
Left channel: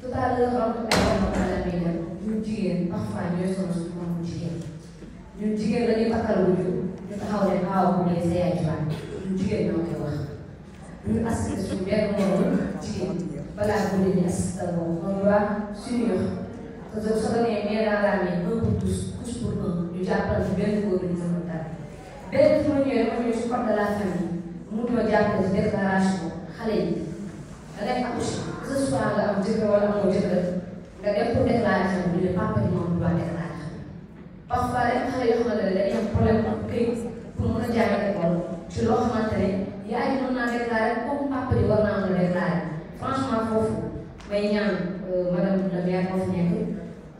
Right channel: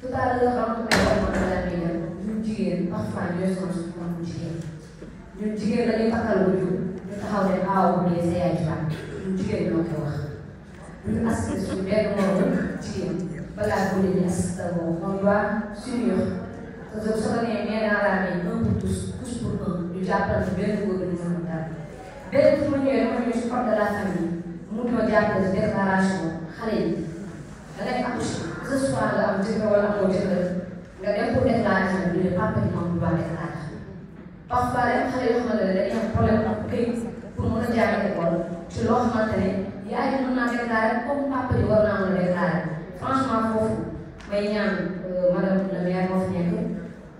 tout à l'heure am ay jamono ñun jigéen parfois ñooy sonn suñu mën jigéen. ñun jigéen dañuy takkal wuju ñu taxaw ne xaaw bu dee sa yaay faat ñun jigéen ñoo koy wax. ñu assisté suñu benn moroom jigéen balaa ko leen di assisté moom on doit s'unir. parce que soo nee nee naa laa ne un pour tous tous pour un ñu jàppal ci benn góor ñu mën dara. benn su ma ñëwee ma ñëw si code de la famille mu di ma jàppale ci déclaration xale yi da ngay accouché que ce soit nga am jëkkër wala amoo jëkkër nga dem pour déclaration bi ñu ne papa yi moom doit déclarer. parfois rek xale yoo xamante ne dañuy am problème ak këyit pour mën a jàng école ci loo xamante ne yaay yi mën naa déclarer comme papa yi war naa mën a déclarer franchement foofu may ñaan madame la maire moo fi nekk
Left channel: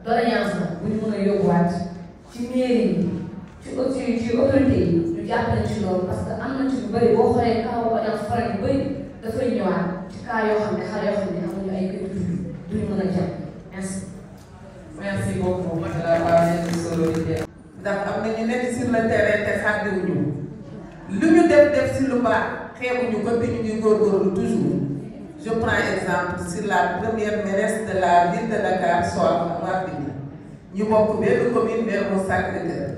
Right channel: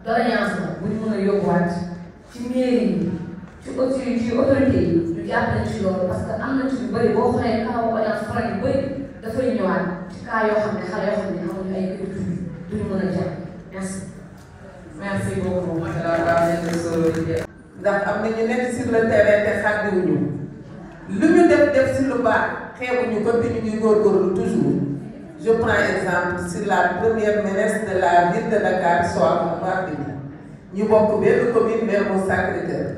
doléance la bu ñu mën a yóbbuwaat ci mairie yi ci autorité yi ñu jàppale ci loolu parce que am na ci lu bëri boo xoolee kaw audience foraine yu bëri dafay ñëwaat ci cas yoo xam ne xale yoo xam ne amuñu ay kër duñu mën a jàpp merci. Merci beaucoup madame. ndax am na ñu nekk sur le terrain te xàddiwuñu lu ñu def si lu baax xeebuñu ko te ñu ngi góorgóorlu toujours. Je prends exemple sur la première mairesse de la ville de Dakar Soham Wardini ñu bokk benn commune Mermoz Sacré-Cœur.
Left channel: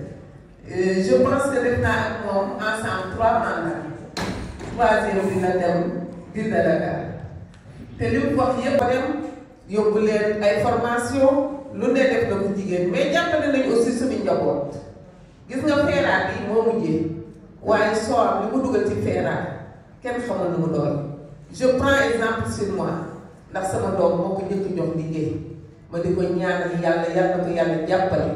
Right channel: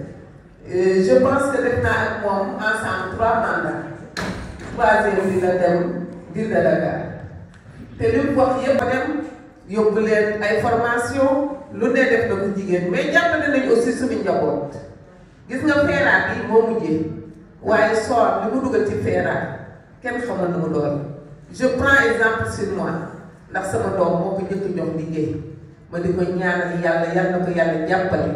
Je pense que def naa ak moom ensemble 3 mandats. 3e bi la dem ville de Dakar te li mu wax yëpp dem yóbbu leen ay formation lu ne def na ko jigéen mais jàppale nañu aussi suñu njaboot. gis nga feeraat bi moo mujjee waaye Soham li mu dugal ci feeraat kenn xamal nu mu doon. Je prends exemple sur moi ndax sama doom moo ko njëkk jox liggéey ma di ko ñaanal yàlla yàlla na ko yàlla jàppale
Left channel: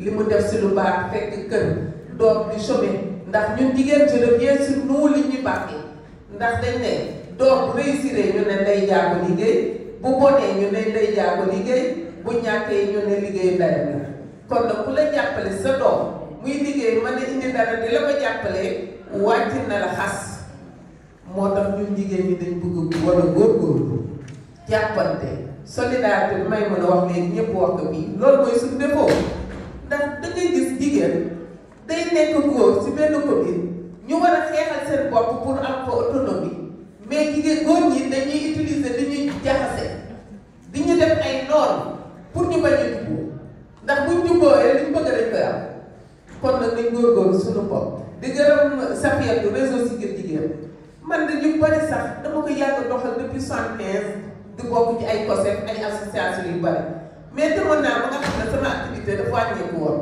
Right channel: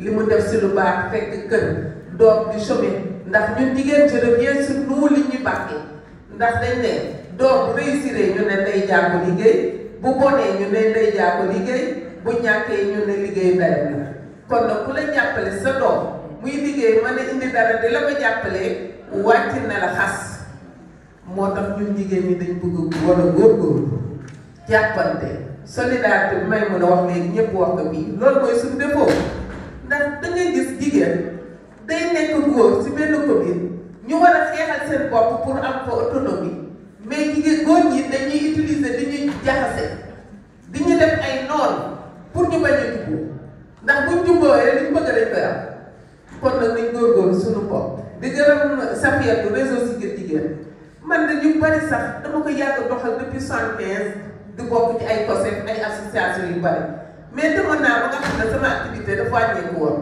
li mu def si lu baax fekk kër doom di chômer ndax ñun jigéen je reviens sur nous li ñu bàkkee ndax dañ ne doom bu réussir ñu ne ndey jaa ko liggéey bu bonee ñu ne ndey jaa ko liggéey bu ñàkkee ñu ne liggéey dara la kon nag ku la jàppale sa doom muy liggéey mën a indi dara di la ko jàppalee wàcc na la xas. moo tax ñun jigéen ñi dañ bëgg war a góorgóorlu jàppante solidarité bi may mën a wax léegi ñëpp wax ko bii loolu mooy suñu défaut ndax da ngay gis jigéen day nekk góor ci benn commune ñu war a xeexal seen bopp pour am ko autonomie mais jigéen góor ñi dañuy utiliser di ñuy jaxase di ñu def ay noonu pour ñu bañ a jubboo ndax buñ jubbooyee liñ bëgg dañ koy am kon nag nañ góorgóorlu suñu bopp di gërëm Safiatou réseau Siggil Jigéen man de ñu bari sax dama ko yàgg doxal depuis 75 di bokk ci ay COSEF ay association yu bari mais demoon naa ba nga xam ne sama activité dafa wàññeeku woon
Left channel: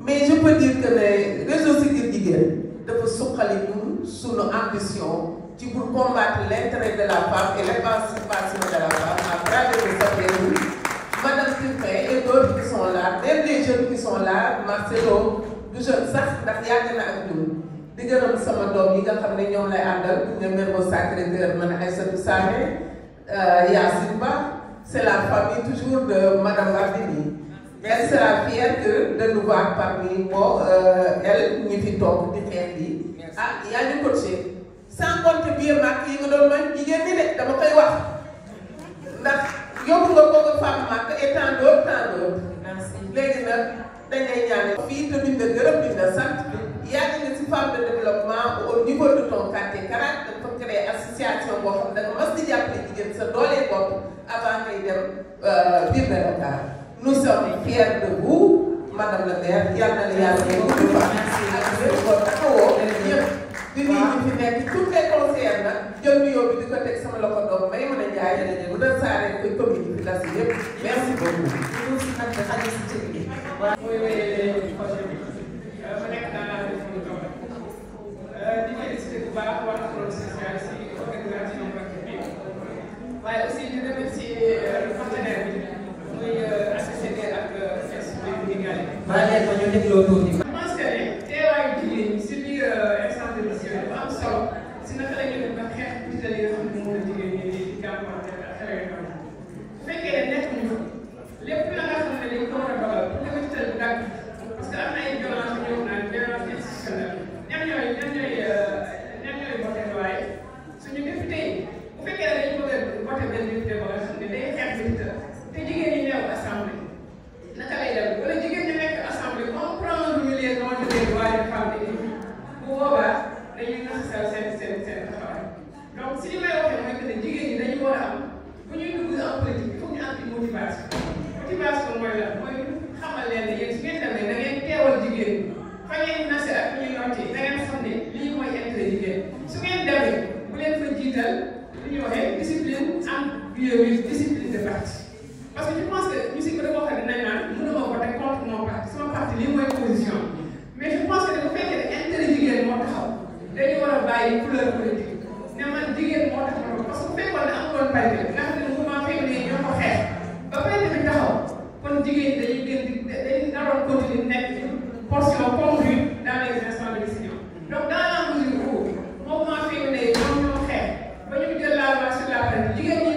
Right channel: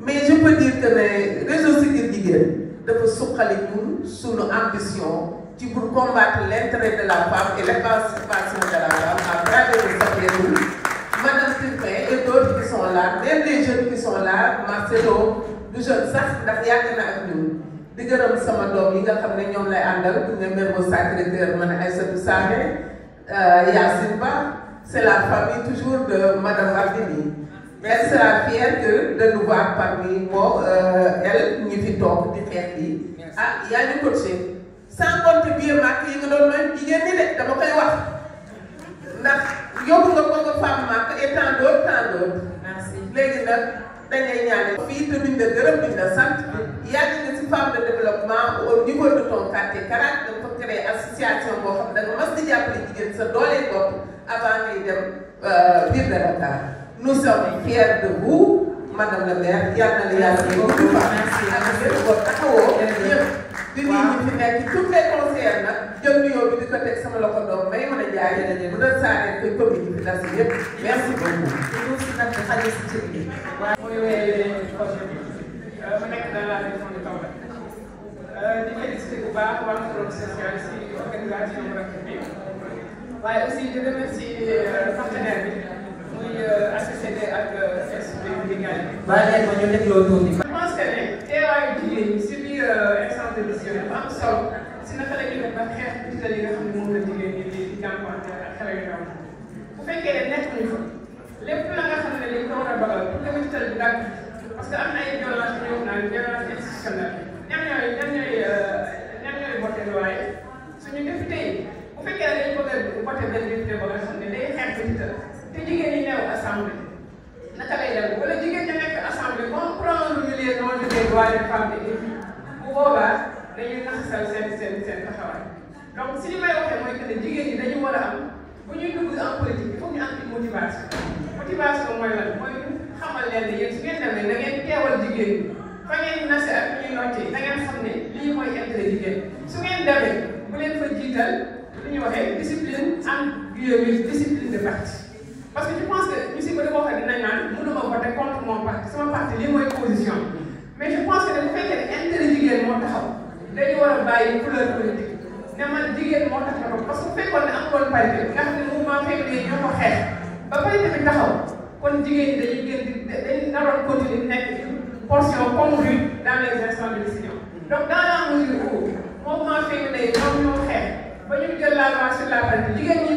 mais je peux dire que ne réseau Siggil Jigéen dafa suqali ñun sunu ambition ci pour combattre l'intérêt de la femme et l'émancipation de la femme à travers le Safiatou, Madame Tilpin et d'autres qui sont là, même les jeunes qui sont là, Marcelo du jeune sax ndax yàgg na ak ñun. di gërëm sama doom yi nga xam ne ñoom lay àndal ku ne Mermoz Sacré-Cœur ma ne Aïssatou Sané Yacine Ba c'est la famille toujours de Madame Wardini. Elle sera fière de nous voir parmi moi elle ñi fi toog di xeex bi ah yaa ñu coaché sans compter bien màkk yi nga doon may jigéen ñi de dama koy wax ndax yóbbu nga ko nga femme màkk et tant d'autres léegi nag dañuy ñaane fii te duñ la gërëm duñ la sant yaa ngi ne si femme de développement au niveau de ton quartier Karak dafa créé association boo xam da nga mas di jàppale jigéen sa doole bopp avant ngay dem biir de Dakar. Nous sommes fiers de vous madame la maire yal na la yàlla may gudd fan ak yëpp boo taxawoo ñëpp di nuyu ñu fi nekk toutes les conseillères nag jël nuyoo bi di ko teg sama loxo doom may mën a jaay bu doon saaree koy commune bi las yëpp merci beaucoup. ñu si nag xale si cër bi. mooy wéyale projet bi ma nekk dans la région de Tamba di félicité bu baax waa Pôle social si organisation bi waaye aussi di remercier partenaire bi muy ACCD ak institut Ligali. bàyyi ko ñu dégloo tuuti. je pense que ne teewaayu jigéen ñi si biir instance de décision dafa am solo si naka la ñuy def ba xeex digital yi nga xam ne moom la jigéen ñi di jànkuwante ak xale yu ndaw bu fekkee ne nekk nañu fa lépp la nga xam ne dañ ko war a dogal pour que digital bi gàtt parce que am na ay violence yu ñëw naan violence institutionnelle ñan ñooy voté loi suñu député yi bu fekkee ne dañ bëgg a voté benn député ba nga xam ne day xeex digital te jigéen ñi neew assemblée droits des femmes et des filles bu boobaa dañuy naxasal seen taxawaay donc si li may waxee mooy que ne jigéen ñi dañu war a am bu ñuy dugg en politique il faut ñu am une motivation mooy lan mooy xamal leen ne yéen su ngeen demee da ngeen teewal jigéen ñi fa ngeen nase ak fi ñuy noccee da ngeen xam ne lii mooy intérêt jigéen su ngeen demee bu leen fa jiital li ñuy waxee discipline am discipline de parti parce que je pense que ñu si bëri boo xam ne dinañ naan mënuma voter contre mon parti sama parti lii mooy position mais je pense que bu fekkee ne intérêt jigéen moo taxaw dañu war a bàyyi couleur politique ne man jigéen moo tax parce que bu fekkoon ne am woon parité nga xam ne mouvement féminin ñoo ko xeex ba parité bi taxaw kon jigéen ñi dañuy gën di dañuy naroon continuer nekk une portion congrue dans les instants de décision donc dans la mesure où mouvement féminin ñoom ñoo xeex ba ñu jël la loi sur la parité jigéen ñi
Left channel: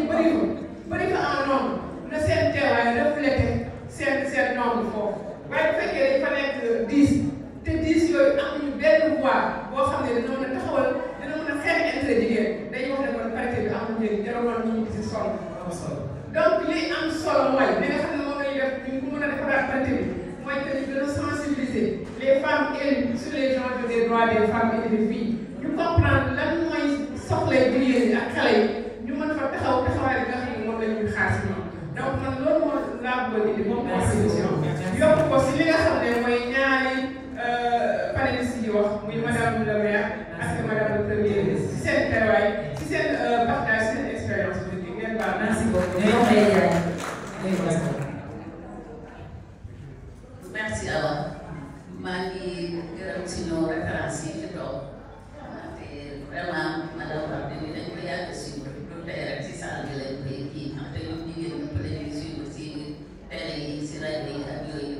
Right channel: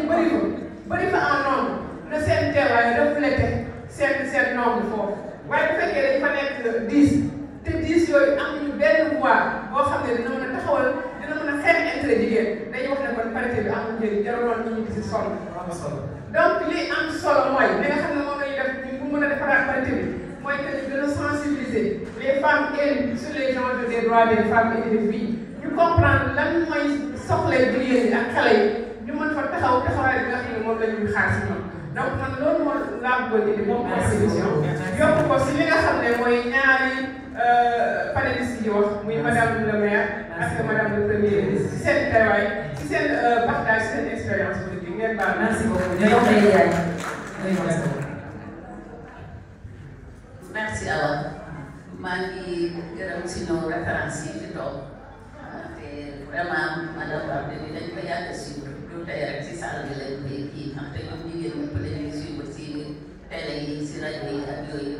bëri fa en nombre na seen teewaay reflété seen nombre foofu waaye bu fekkee dañ fa nekk 10 te 10 yooyu amuñu benn voix boo xam ne dina mën a taxawal dina mën a xeex intérêt jigéen dañuy wax ne kon parité bi amul njëriñ jaroon ñu gis solo donc li am solo mooy li nga xam ne moom lañu def ñu mën a defaraat parité bi mooy que ñu gën a sensibiliser les femmes élues sur les enjeux des droits des femmes et des filles ñu comprendre lan mooy soxlay jigéen ñi ak xale yi ñu mën fa taxawaay bi nga xam ne moom la ñuy xaar si ñoom donc man loolu moo laa bëggoon indi moom contribution yokk ko si li nga xam ne mooy ñaari panélistes yi wax muy madame le maire ak madame le premier ministre si seen teewaay si seen partage seen expérience bi ngeen baal. Merci beaucoup. Merci Awa maa ngi gërëm si nos références yi fi toog te vraiment madame Wade ni dañ ko yàgg si du tey rek si salle bi lañ koy kii ndaxte ñun jigéen ñëpp dañuy suivre si télé yi si rajo yi ak yooyu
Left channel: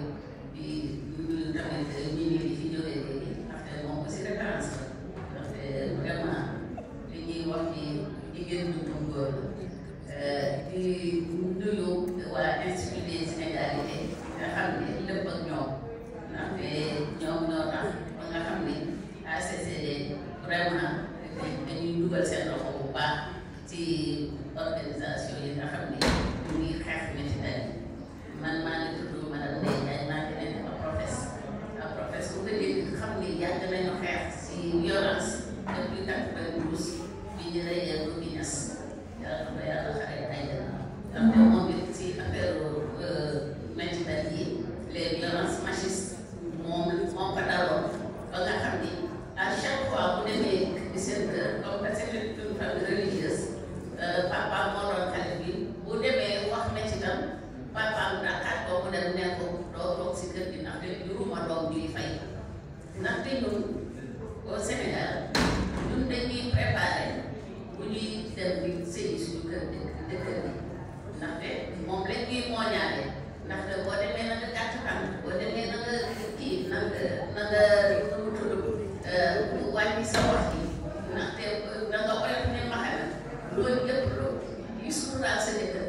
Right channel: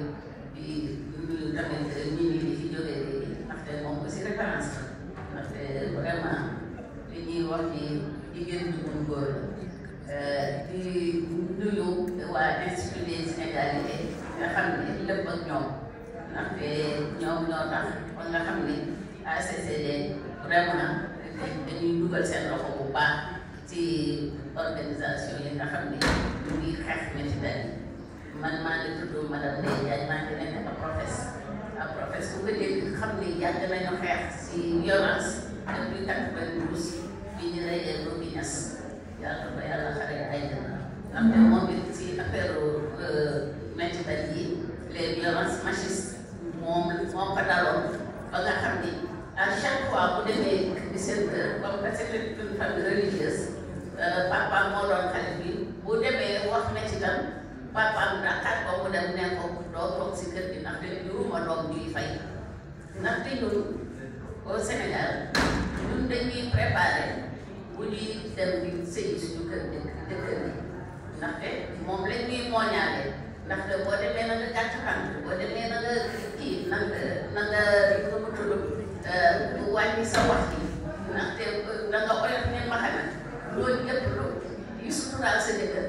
di ñu tamit ñi di fi jógee léegi ndaxte moom aussi référence la ndaxte vraiment li ñuy wax ni jigéen ñi mu góor di nuyu waa Institut des Inégalités nga xam ne lépp ak ñoom ndaxte ñoom ñoo tax ba nga xam ne ACCD vraiment dañuy dugal seen loxo bu baax ci organisation yi nga xam ne ñu ngi xeex métital yi man maa ngi tudd madame Ndeye Diagne maa ngi nekk ab professe bu ko dégg xam ne yàgg nañu xeex si violence depuis 92 bi ñu reyee ko bi ñas yàlla ba yàlla xare ay ndaxte moom it si affaire métital yi les violences machistes moom ko daloon ba nga xam ni à chaque fois bu demee 17h comme que c'est une famille religieuse papa moo doon xale bi bu demee wax métital papa dàqaat ko mu dem ne ko doo toog si kër gi ndaxte juruma doom ñuy fay ndaxte ñun au Sénégal ñun dañuy préparé bu ñuy dem di sëyi suñu kër dëkkër bi ndaxte moom lañ ñuy mooñaale ndaxte boo demee na nga gàtt fan boo demee na nga kii na nga mu tudd wàññi sa wax yi ndaxte na nga oyof ne maxana loolu yëpp yu suturaal sa jëkkër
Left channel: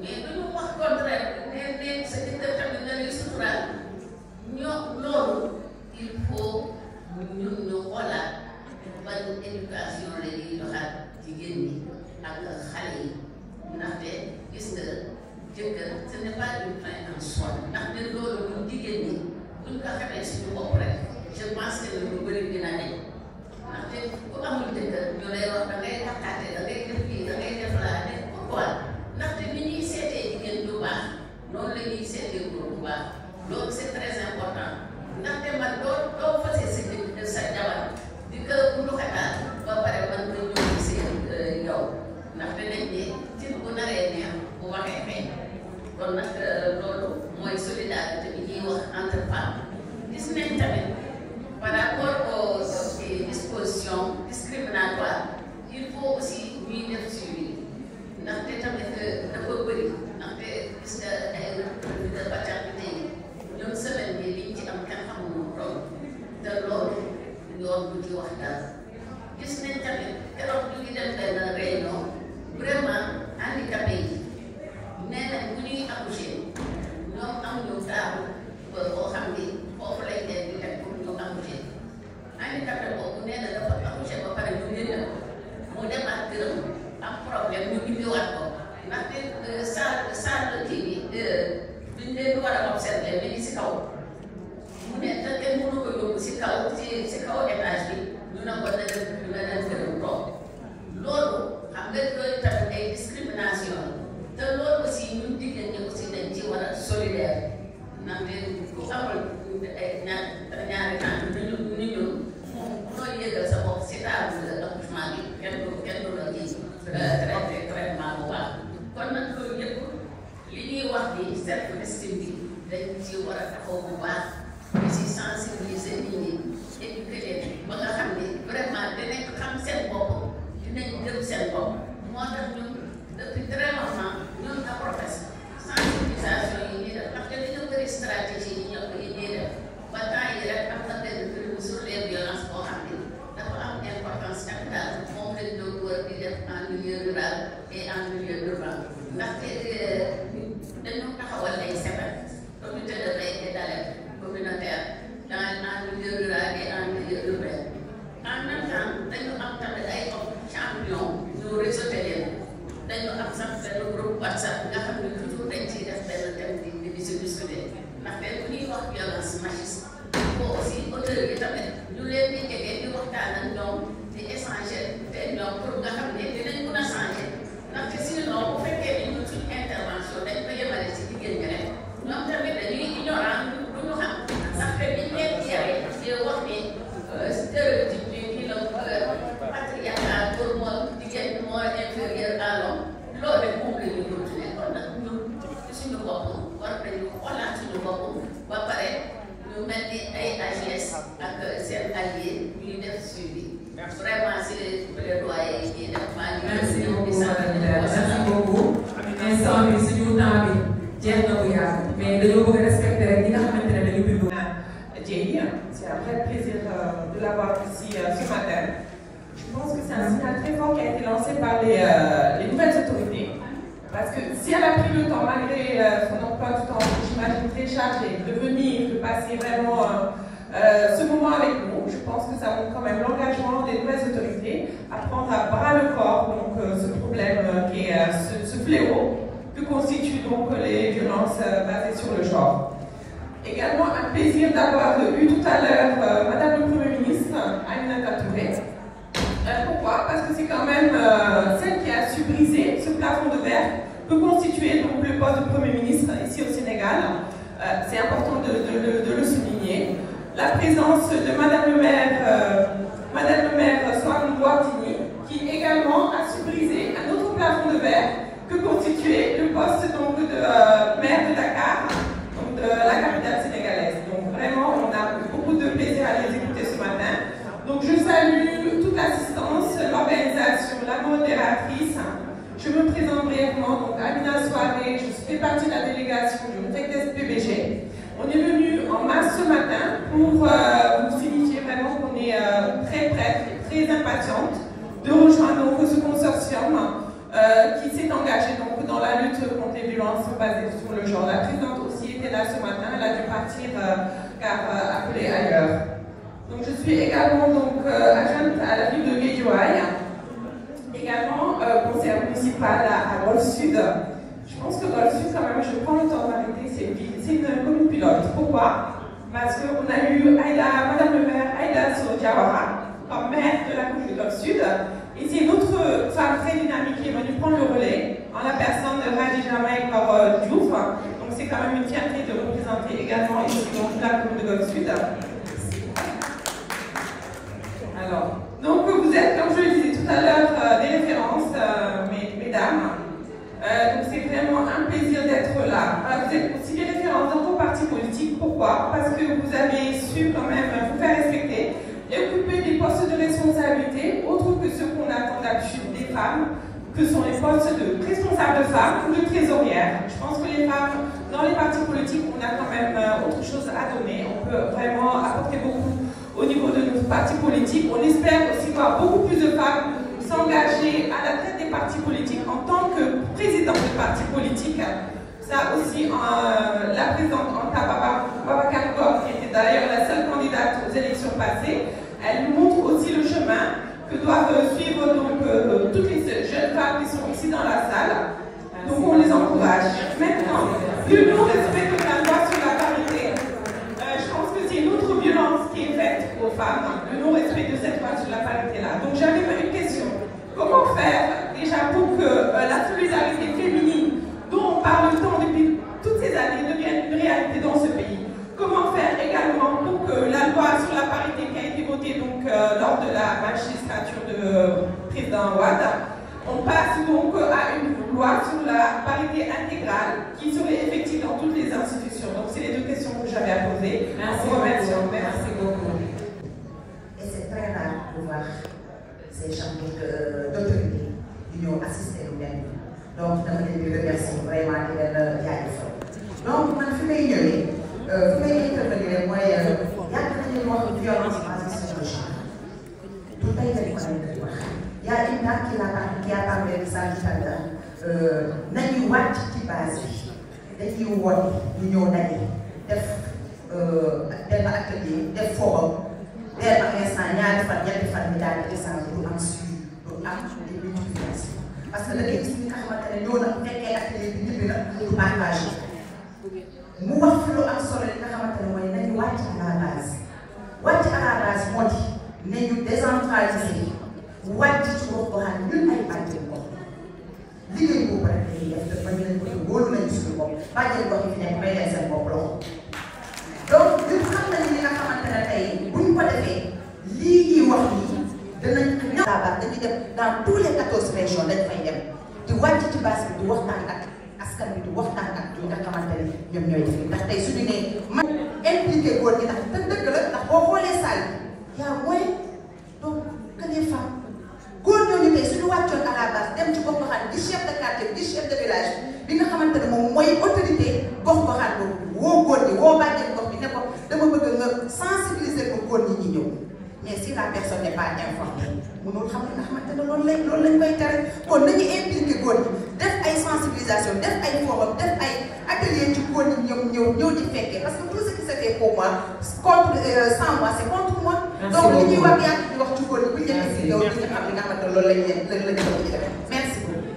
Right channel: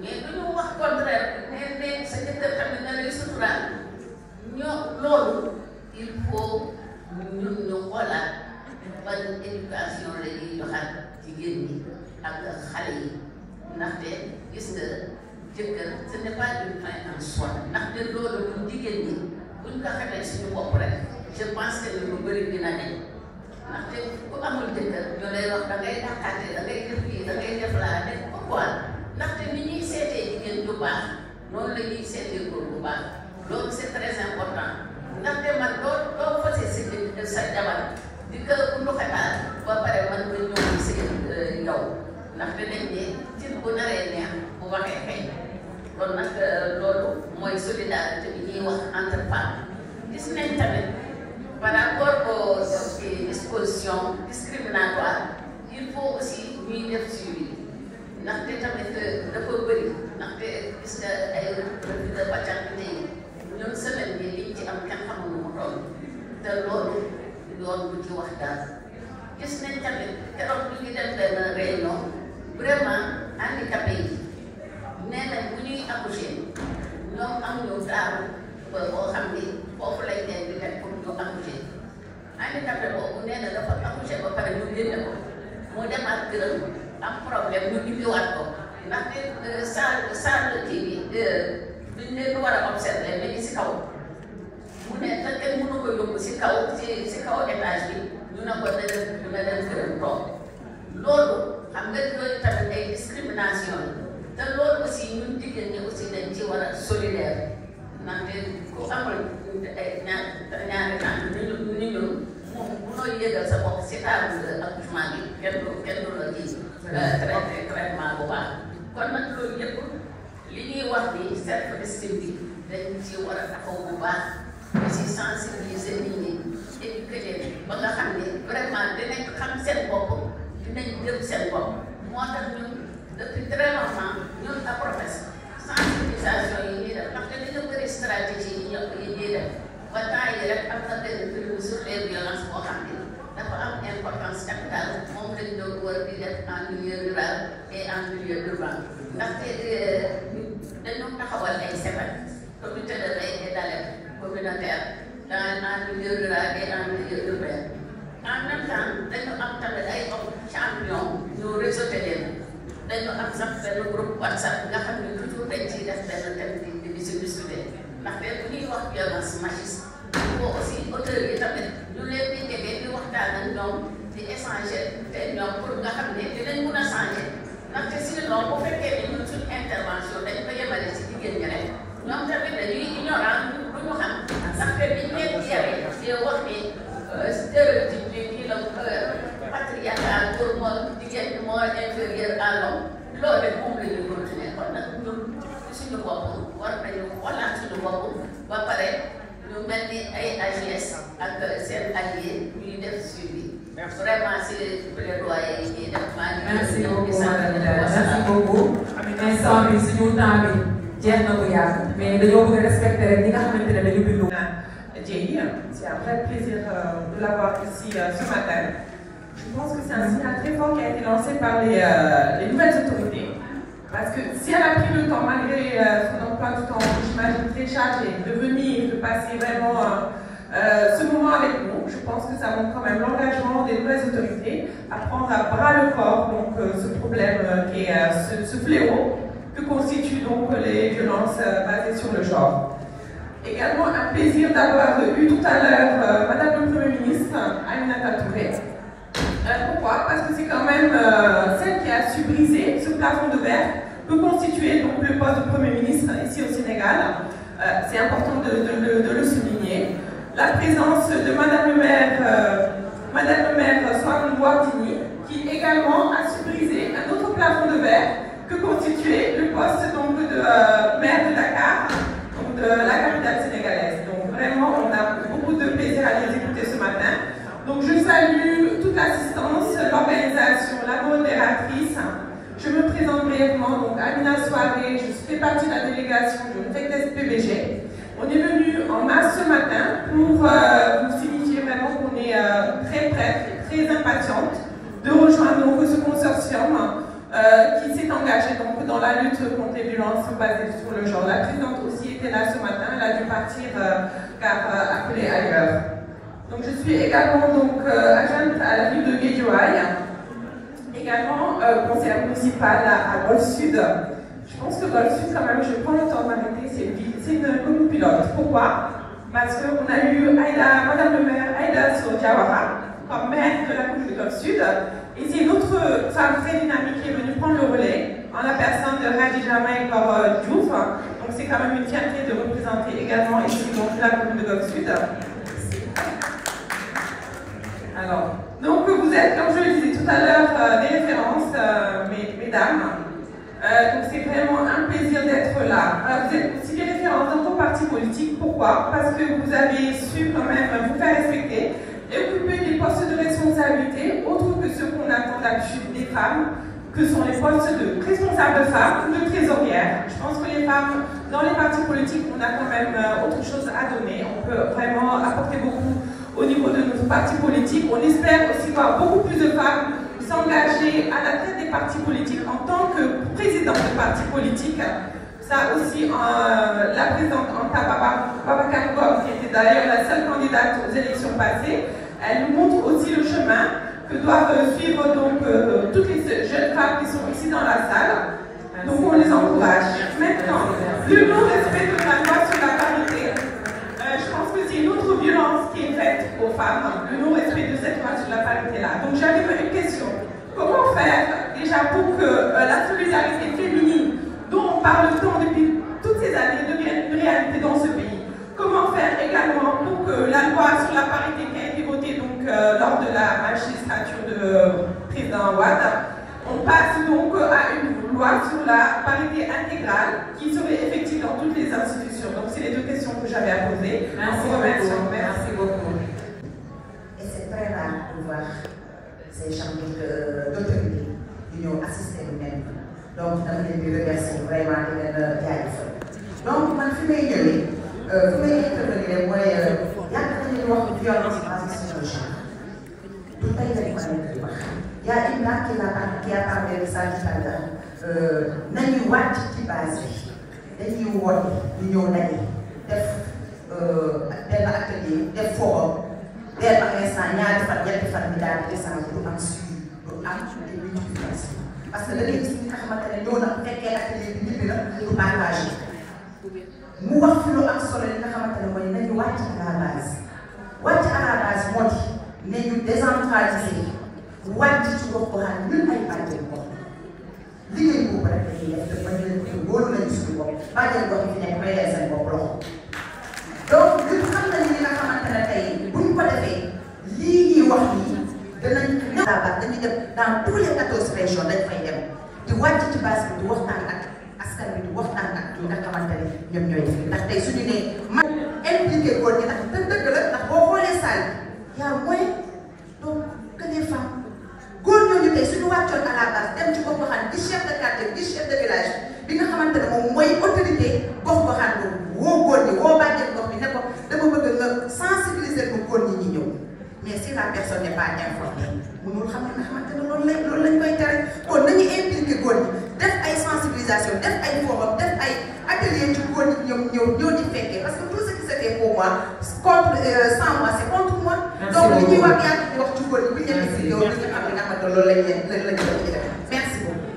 mais du ñu wax contraire ne sa jëkkër tamit nga lay suturaal ñoo loolu il faut ñun ñu xoolaat ban éducation la ñuy joxaat jigéen ñi ak xale yi ndaxte gis nga jëkkër ce n'est pas une fin en soi ndaxte loolu ñun jigéen ñi buñ ko xamee suñu bopp rek je pense que lu bëri dina ne ndaxte ku amul jëkkër ñu lay wax da ngay takkaate da ngay def kii da ngay def laa ne pourquoi ndaxte ni ñuy seetee jigéen du baax noonu la ñuy seetee góor bu baax loolu c'est très important ndaxte man doo fase sa jabar di ko nduxataan ba pare man nga ñëw seen yow ndaxte dañ ne ci bu naree neex bu waxee xëy kon nag loolu mooy solidarité bi ñuy wax entre femmes gis nañ tamit par rapport aux dispositions discriminatoires il faut aussi ñuy def suivi ndaxte tamit dafa bëri ndaxte gis nga ay refus de paternité yi ñun semaine bi liñ ci am kenn xamul nu mu toll te loolu yoon bu ci wax daal gis nañ tamit keroog ñu ngi dem benn réunion vraiment handicapé yi nee nañ bu ñuy accoucher ñoom amuñu taaru boo xam ni foofu lañ leen di teg pour ñu accoucher handicapé boobu nee na dafa accoucher ba pare ñu génne ko mu demaat këram am problème ñu indiwaat ko ndaxte salle kii bi biñ leen war a observer mais si kaw mu ne te kenn mënu ko yóbbu si kaw depuis très longtemps ñun à professe sensibilisation yi ñuy def ndaxte dañoo bëri stratégie yi ñuy def ba temps yi rek am na benn film sur les violences boo xam ne dafa am importance capitale moom lañ doon war di def en milieu rural et en milieu urbain ndaxte dañoo taxawal ay CEPAD comité de veille et d'alerte communautaire en milieu rural et en milieu urbain en même temps dañu am tamit ay champion ñu réseauté leen dañu am sax benn groupe WhatsApp nga xam ne toujours dañ ciy def benn thème di si discuter ndaxte bu ñuy wax violence machiste boo aussi auteurs yi tamit ñu leen di jege di waxtaan ak ñoom di échanger te ñoom pour nga xam ne dinañ mun a changer ndaxte sinon bu fekkee ne ñun suñu intervention dañ ko yemale ci jigéen ñi rek ñoom tamit dañuy ignorant lu ñu xam sax te biñ leen di yare di wax ni stéréotype bi kii la patriarcat pour moo jigéen ñi moo inférieur à l'homme loolu rek moom la ñu continuer kon nag ñun suñu bopp war nañu xoolaat suñu bopp ba pare ñu mel ni ay AGS ak seen allié ñuy def suivi vraiment c'est plaidoyer yi ñuy def maa ngi merci beaucoup merci beaucoup instant bi suñu temps bi jeex na ko yàgg mais dañoo bëgg a respecter rek ñi nga xamante ne dañu bindu c'est un vrai plaisir de l'avoir ici ce matin. Je pense que c'est un signal très fort qui a été lancé par les nouvelles autorités. Parce que si elle a pris le temps, malgré son emploi du temps, j'imagine très chargé, de venir, de passer vraiment ce moment avec nous, je pense que ça montre quand même l'engagement des nouvelles autorités à prendre à bras le corps donc, ce problème qui est ce fléau que constituent donc les violences basées sur le genre. Également un plaisir d'avoir eu tout à l'heure Madame le Premier ministre, Aminata Touré. Pourquoi? Parce que c'est quand même celle qui a su briser ce plafond de verre que constituait donc le poste de Premier ministre ici au Sénégal. C'est important de le souligner. La présence de Madame le maire Soham Wardini, qui également a su briser un autre plafond de verre que constituait le poste donc, de maire de Dakar, donc de la capitale sénégalaise. Donc vraiment, on a beaucoup de plaisir à les écouter ce matin. Donc je salue toute l'assistance, l'organisation, la modératrice. Je me présente brièvement, donc Amina Soiré, je fais partie de la délégation de l'UNTEC PBG. On est venu en mars ce matin pour vous signifier vraiment qu'on est très prête et très impatiente de rejoindre donc, ce consortium qui s'est engagé donc, dans la lutte contre les violences basées sur le genre. La présidente aussi était là ce matin, elle a dû partir car appelée ailleurs. Donc je suis également donc, agente à la ville de Guédiawaye, également conseillère municipale à Golfe Sud. Je pense que Golfe Sud, quand même, je prends le temps d'arrêter, c'est une commune pilote. Pourquoi? Parce qu'on a eu Madame le maire Aïda Diawara comme maire de la commune de Golfe Sud. Et c'est une autre femme très dynamique qui est venue prendre le relais en la personne de Khadija Maïkor Diouf. Donc c'est quand même une fierté de représenter également ici donc, la commune de Golfe Sud. Alors, donc vous êtes, comme je le disais tout à l'heure, des références, mesdames. Donc c'est vraiment un plaisir d'être là. Vous êtes aussi des références dans vos partis politiques. Pourquoi? Parce que vous avez su quand même vous faire respecter et occuper des postes de responsabilité, autres que ceux qu'on attend d'habitude des femmes, que sont les postes de responsables de femmes ou de trésorières. Je pense que les femmes, dans les partis politiques, on a quand même autre chose à donner. On peut vraiment apporter beaucoup au niveau de notre parti politique. On espère aussi voir beaucoup plus de femmes s'engager à la tête des partis politiques en tant que présidente de parti politique. Ça aussi, la présidente Anta Babacar Ngom, qui était d'ailleurs la seule candidate aux élections passées, elle nous montre aussi le chemin que doivent suivre donc, toutes les jeunes femmes qui sont ici dans la salle. Donc on les encourage. Maintenant, le non-respect de la loi sur la parité, je pense que c'est une autre violence qui est faite aux femmes, le non-respect de cette loi sur la parité-là. Donc j'avais une question. Comment faire déjà pour que la solidarité féminine, dont on parle tant depuis toutes ces années, devienne une réalité dans ce pays? Comment faire également pour que la loi sur la parité qui a été votée donc, lors de la magistrature de président Ouad, on passe donc à une loi sur la parité intégrale qui serait effective dans toutes les institutions. Donc c'est les deux questions que j'avais à poser. Merci beaucoup. Merci beaucoup. Et c'est très rare de voir ces gens d'autorité qui nous assistent nous-mêmes. Donc jaajëfal donc man fi may ñëwee fi may intervenir mooy yàgg nañu wax violence basée sur le genre du tey lañ ko di wax y a une dame qui a parlé de ça tout à l'heure nañu wàcc ci base bi dañuy woote ñu ñëw daje def benn atelier def forum dès par instant ñaari fan ñetti fan ñu daal di descendre du am suivi du am des multiplications parce que da ngay gis ñi nga xamante ne ñoo na bu fekkee atelier bi ñibbi na du engagé mu wax fi lu am solo li nga xamante ne mooy nañu wàcc à la base wàcc à la base moo di ne ñu décentraliser wàcc ci gox goxaan ñun ay bàjjen gox liggéey boobu rek dañuy def te bañ leen ko wóolu nañu suñu bopp bàjjen gox yi fi nekk may leen seen bopp loxo donc ñun xam nañu li nga xamante ne tey buñ ko defee lii ñuy wax nii danañ ñëw dañuy dem dans tous les 14 régions dañ fay dem di wàcc ci base bi di waxtaan ak askan bi di waxtaan ak ñi nga xamante ne ñoom ñooy def ndax tey suñu nee man impliqué góor ñi ndax dëgg la ndax boo xoolee salle y a moins donc que les femmes góor ñooñu tey suñu wàccoon à la base dem ci gox goxaan di chef de quartier di chef de village bi nga xamante ne moom mooy autorité gox goxaan boobu woo góor ñi woo bàjjen gox bi ne ko dama bëgg nga sensibiliser ko góor ñi ñi ñëw mais si la personne n'est pas informée mënul xam ne nga xamante ne loolu lañ koy tere kon nañu impliqué góor ñi def ay sensibilisation def ay forum def ay atelier ci góor ñi ñëw di fekkee parce que tout ce qui se fait pour moi contre sans moi c'est contre moi. donc li ñuy wax yaa ngi wax ci góor ñi bu ñu demee si yow li nga xam ne nga xamante loolu lañ leen di def merci beaucoup.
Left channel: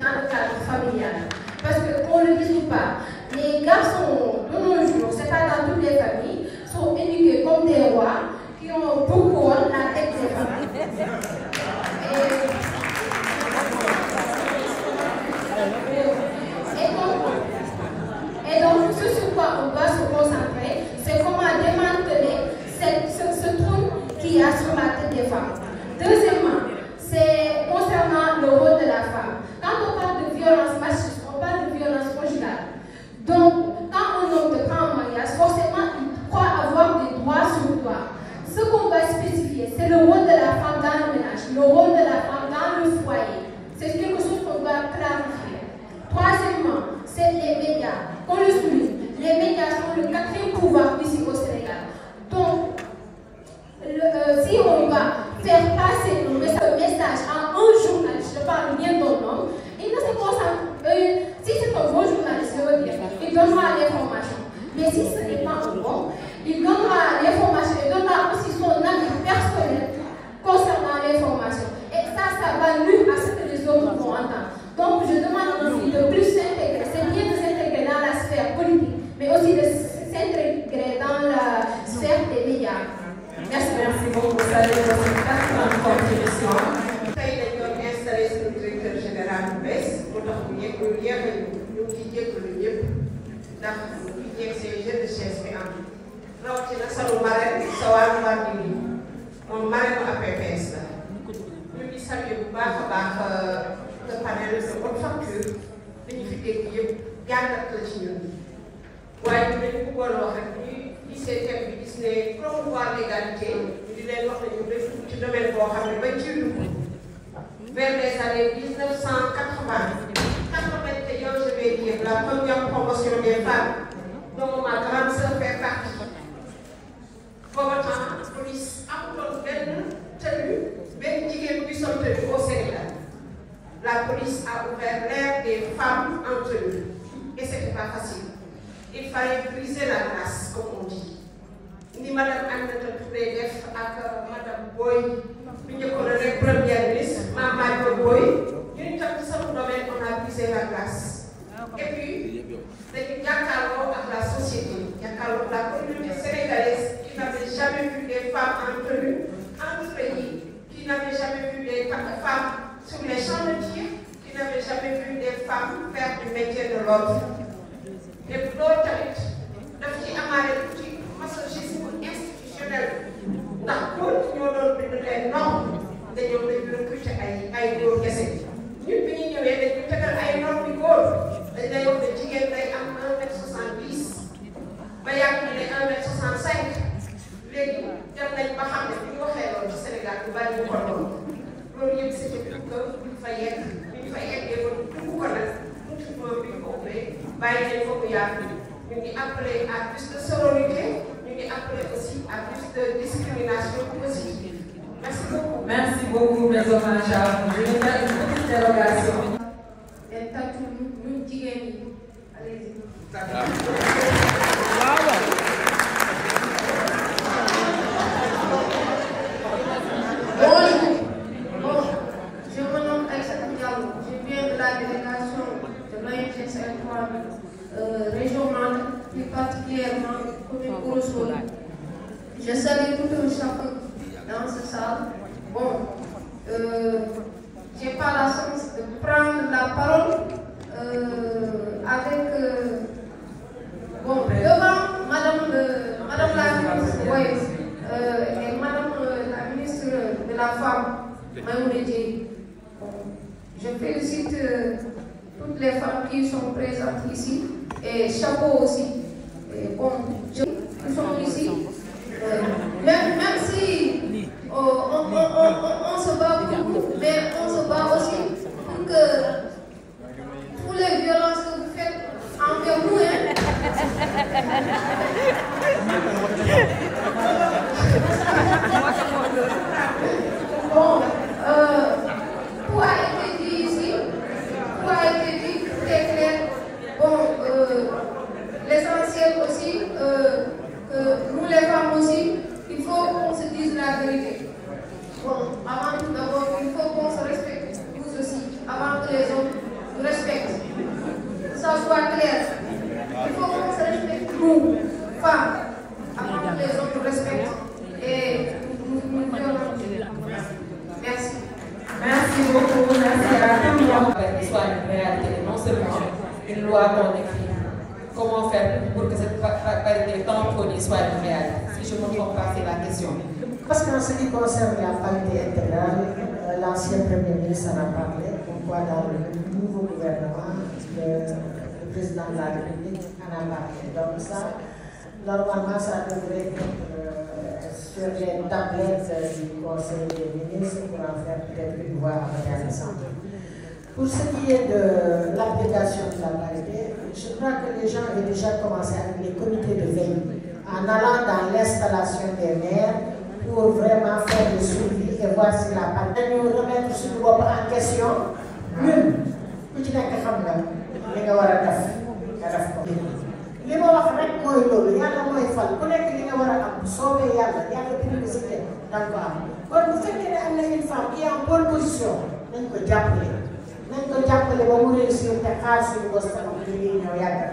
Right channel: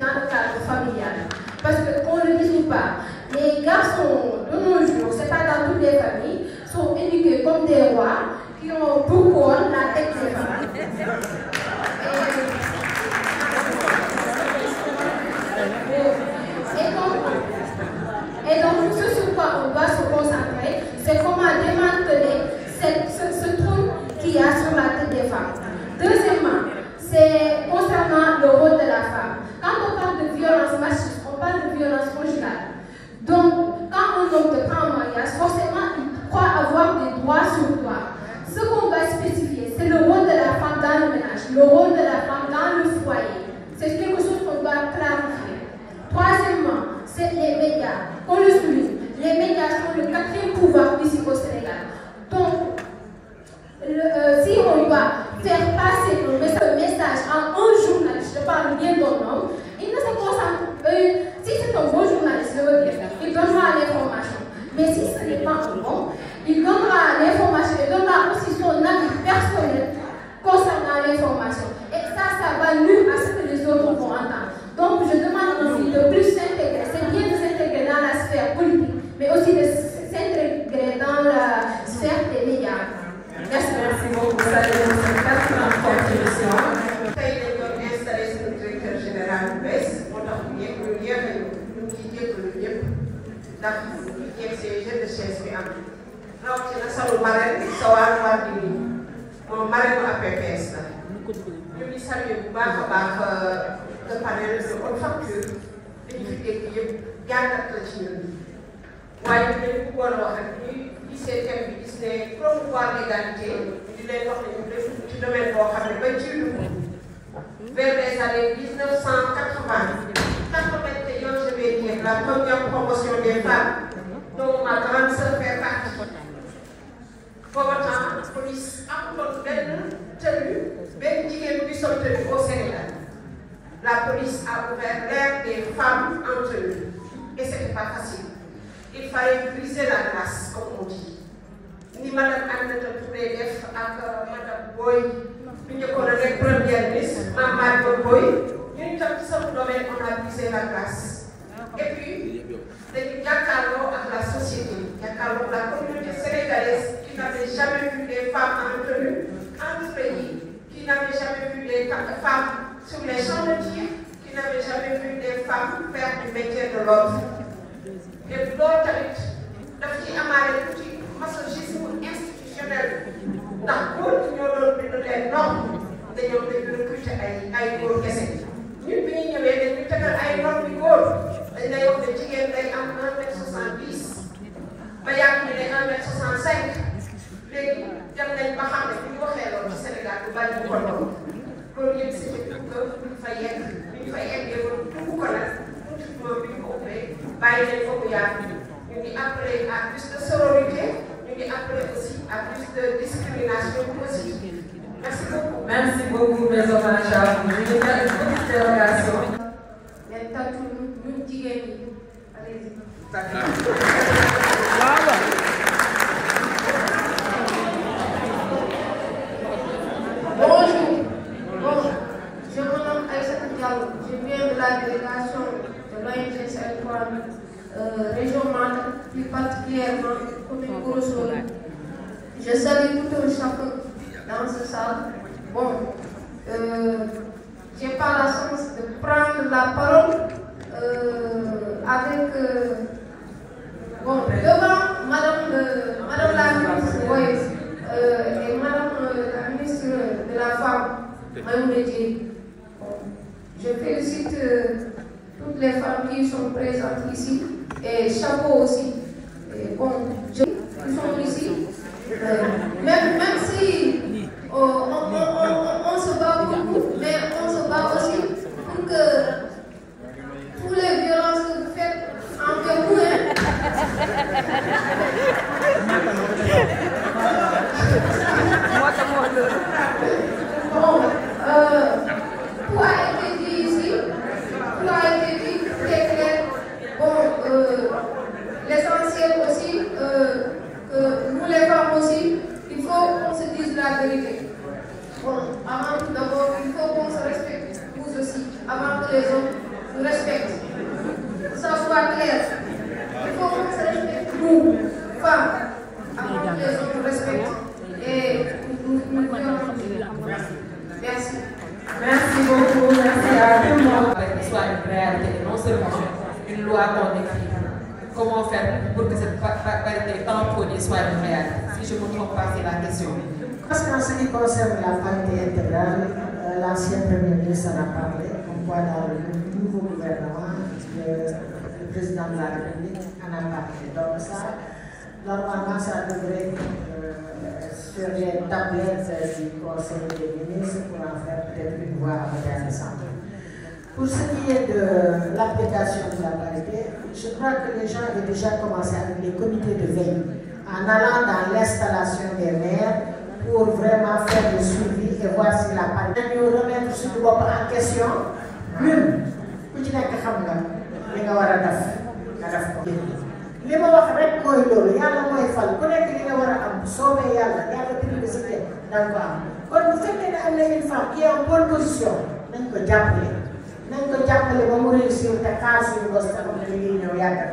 Dans le cadre familial parce que qu'on ne le dise pas les garçons de nos jours c'est pas dans toutes les familles sont éduqués comme des rois qui ont beaucoup la tête des femmes. Et donc, ce sur quoi on va se concentrer, c'est comment démanteler ce trou qu'il y a sur la tête des femmes. Deuxièmement, c'est concernant le rôle de la femme. Quand on parle de violence machiste, on parle de violence conjugale. Donc, quand un homme te prend en mariage, forcément, il croit avoir des droits sur toi. Ce qu'on va spécifier, c'est le rôle de la femme dans le ménage, le rôle de la femme dans le foyer. C'est quelque chose qu'on doit clarifier. Troisièmement, c'est les médias. On le souligne, les médias sont le 4e pouvoir ici au Sénégal. Donc, si on doit faire passer un message à un journaliste, je parle bien d'un homme, il ne se concentre pas. Si c'est un bon journaliste, je veux dire, il donnera l'information. Mais si ce n'est pas un bon, il donnera l'information et donnera aussi son avis personnel concernant l'information. Et ça va nuire à ce que les autres vont entendre. Donc, je demande aussi de plus s'intégrer. C'est bien de s'intégrer dans la sphère politique, mais aussi de s'intégrer dans la sphère des médias. Merci beaucoup. Ça a été une excellente contribution. tey dañ doon installé suñu directeur général bu bees moo tax ñu yéex ñu ngi jégalu ñëpp ndax ñu yegg see jeu de chaise bi am rawatina solo marraine bi Sowane Wardini moom marraine bu APPS la ñu ngi salué bu baax a baax le panel de haute facture dañu fi dégg yëpp jàngat la ci ñun waaye dañu bëggoon wax rek ñuy gisee thème bi gis ne promouvoir l'égalité di leen wax ne ñu def ci domaine boo xam ne ba ci lu vers les années 1980 je vais dire la première promotion des femmes dont ma grande sœur fait partie. Booba temps police amuloon benn tenue benn jigéen bi sol tenue au Sénégal. La police a ouvert l'ère des femmes en tenue et c'était pas facile. Il fallait briser la glace comme on dit. Ni madame Aminata Touré def ak madame Boye bi njëkkoon a nekk première ministre Mamadou Boye ñu tam ci sama domaine on a brisé la glace. Et puis dañu jàkkaarloo ak la société jàkkaarloo ak la communauté sénégalaise qui n'avait jamais vu des femmes en tenue en ce pays, qui n'avait jamais vu des femmes sur les champs de tir, qui n'avait jamais vu des femmes faire du métier de l'ordre. Et loolu tamit daf ci amaale tuuti masochisme institutionnel ndax góor ñoo doon bind leen normes dañoo dañu recruter ay góor kese ñun bi ñu ñëwee dañu tegal ay normes yu góor dañ lay wax ne jigéen day am 1m70 ba yàgg ñu ne 1m65 léegi dem nañ ba xam ne bi ñu waxee loolu ci Sénégal bu bari ñu ko doon loolu yëpp c'est pour que ñu fa yegg bi ñu fa yeggee loolu dugg ko nag tuuti bi ñu ko ubbee ngi appeler à plus de sororité, ñu ngi appeler aussi à plus de discrimination positive. Merci beaucoup. Merci beaucoup, mes hommes. Je vais faire une petite dérogation. Bonjour. Bon, je me nomme Aïssa Diallo. Je viens de la délégation de l'ONG Saint-Ouen, région Mali, plus particulièrement commune Kourousoul. Je salue tout un chacun dans ce salle. Bon, j'ai pas la chance de prendre la parole avec devant Madame la ministre et Madame la ministre de la Femme, Maïmouna Dièye. Je félicite toutes les femmes qui sont présentes ici et chapeau aussi. Et bon, qui sont ici. Même si on se bat beaucoup, mais on se bat aussi pour que toutes les violences que vous faites en vous, bon, tout a été dit ici, tout a été dit très clair. Bon, l'essentiel aussi, que nous les femmes aussi, il faut qu'on se dise la vérité. Bon, avant tout d'abord, il faut qu'on se respecte, nous aussi, avant que les hommes nous respectent. Que ça soit clair. Il faut qu'on se respecte, nous, femmes, avant que les hommes nous respectent. Et nous merci. Merci beaucoup, merci à tout le monde. Que ce soit une réalité, non seulement une loi qu'on écrit. Comment faire pour que cette parité tamponnée soit une réalité? Si je ne me trompe pas, c'est la question. Parce qu'en ce qui concerne la parité intégrale, l'ancien Premier ministre en a parlé, comme quoi dans le nouveau gouvernement, le président de la République en a parlé. Donc ça, normalement, ça devrait être sur les tablettes du Conseil des ministres pour en faire peut-être une voie à l'Assemblée. Pour ce qui est de l'application de la parité, je crois que les gens avaient déjà commencé avec les comités de veille, en allant dans l'installation des maires pour vraiment faire le suivi et voir si la parité. Nous remettre sur le bopp en question, ñun ku ci nekk xam nga li nga war a def nga def ko. li ma wax rek mooy loolu yàlla mooy fal ku nekk li nga war a am soobee yàlla priorité da nga ko am kon bu fekkee ne am na une femme qui est en bonne position nañ ko jàppale. nañ ko jàppale ba mu réussir te xaar suñu bos tamit li ñuy ñëw yàgg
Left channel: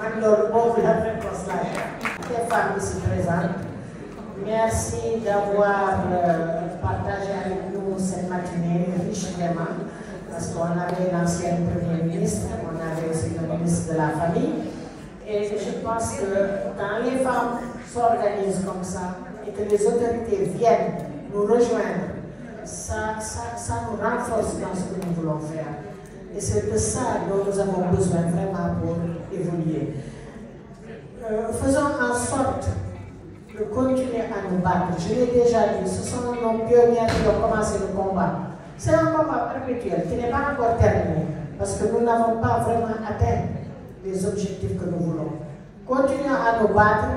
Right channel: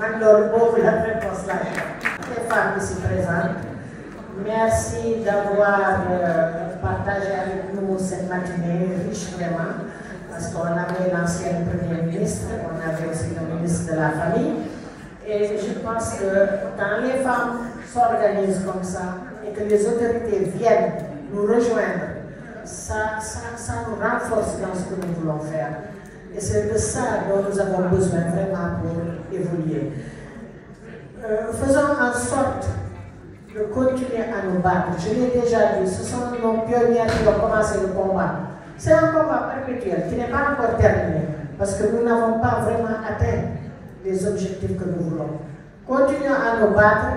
man loolu boobu la réponse la les femmes ici présentes. Merci d'avoir partagé avec nous cette matinée richement parce qu'on avait l'ancien Premier ministre, on avait aussi le ministre de la Famille et je pense que quand les femmes s'organisent comme ça et que les autorités viennent nous rejoindre, ça nous renforce dans ce que nous voulons faire. Et c'est de ça dont nous avons besoin vraiment pour évoluer. Faisons en sorte de continuer à nous battre. Je l'ai déjà dit, ce sont nos pionniers qui ont commencé le combat. C'est un combat perpétuel qui n'est pas encore terminé parce que nous n'avons pas vraiment atteint les objectifs que nous voulons. Continuons à nous battre.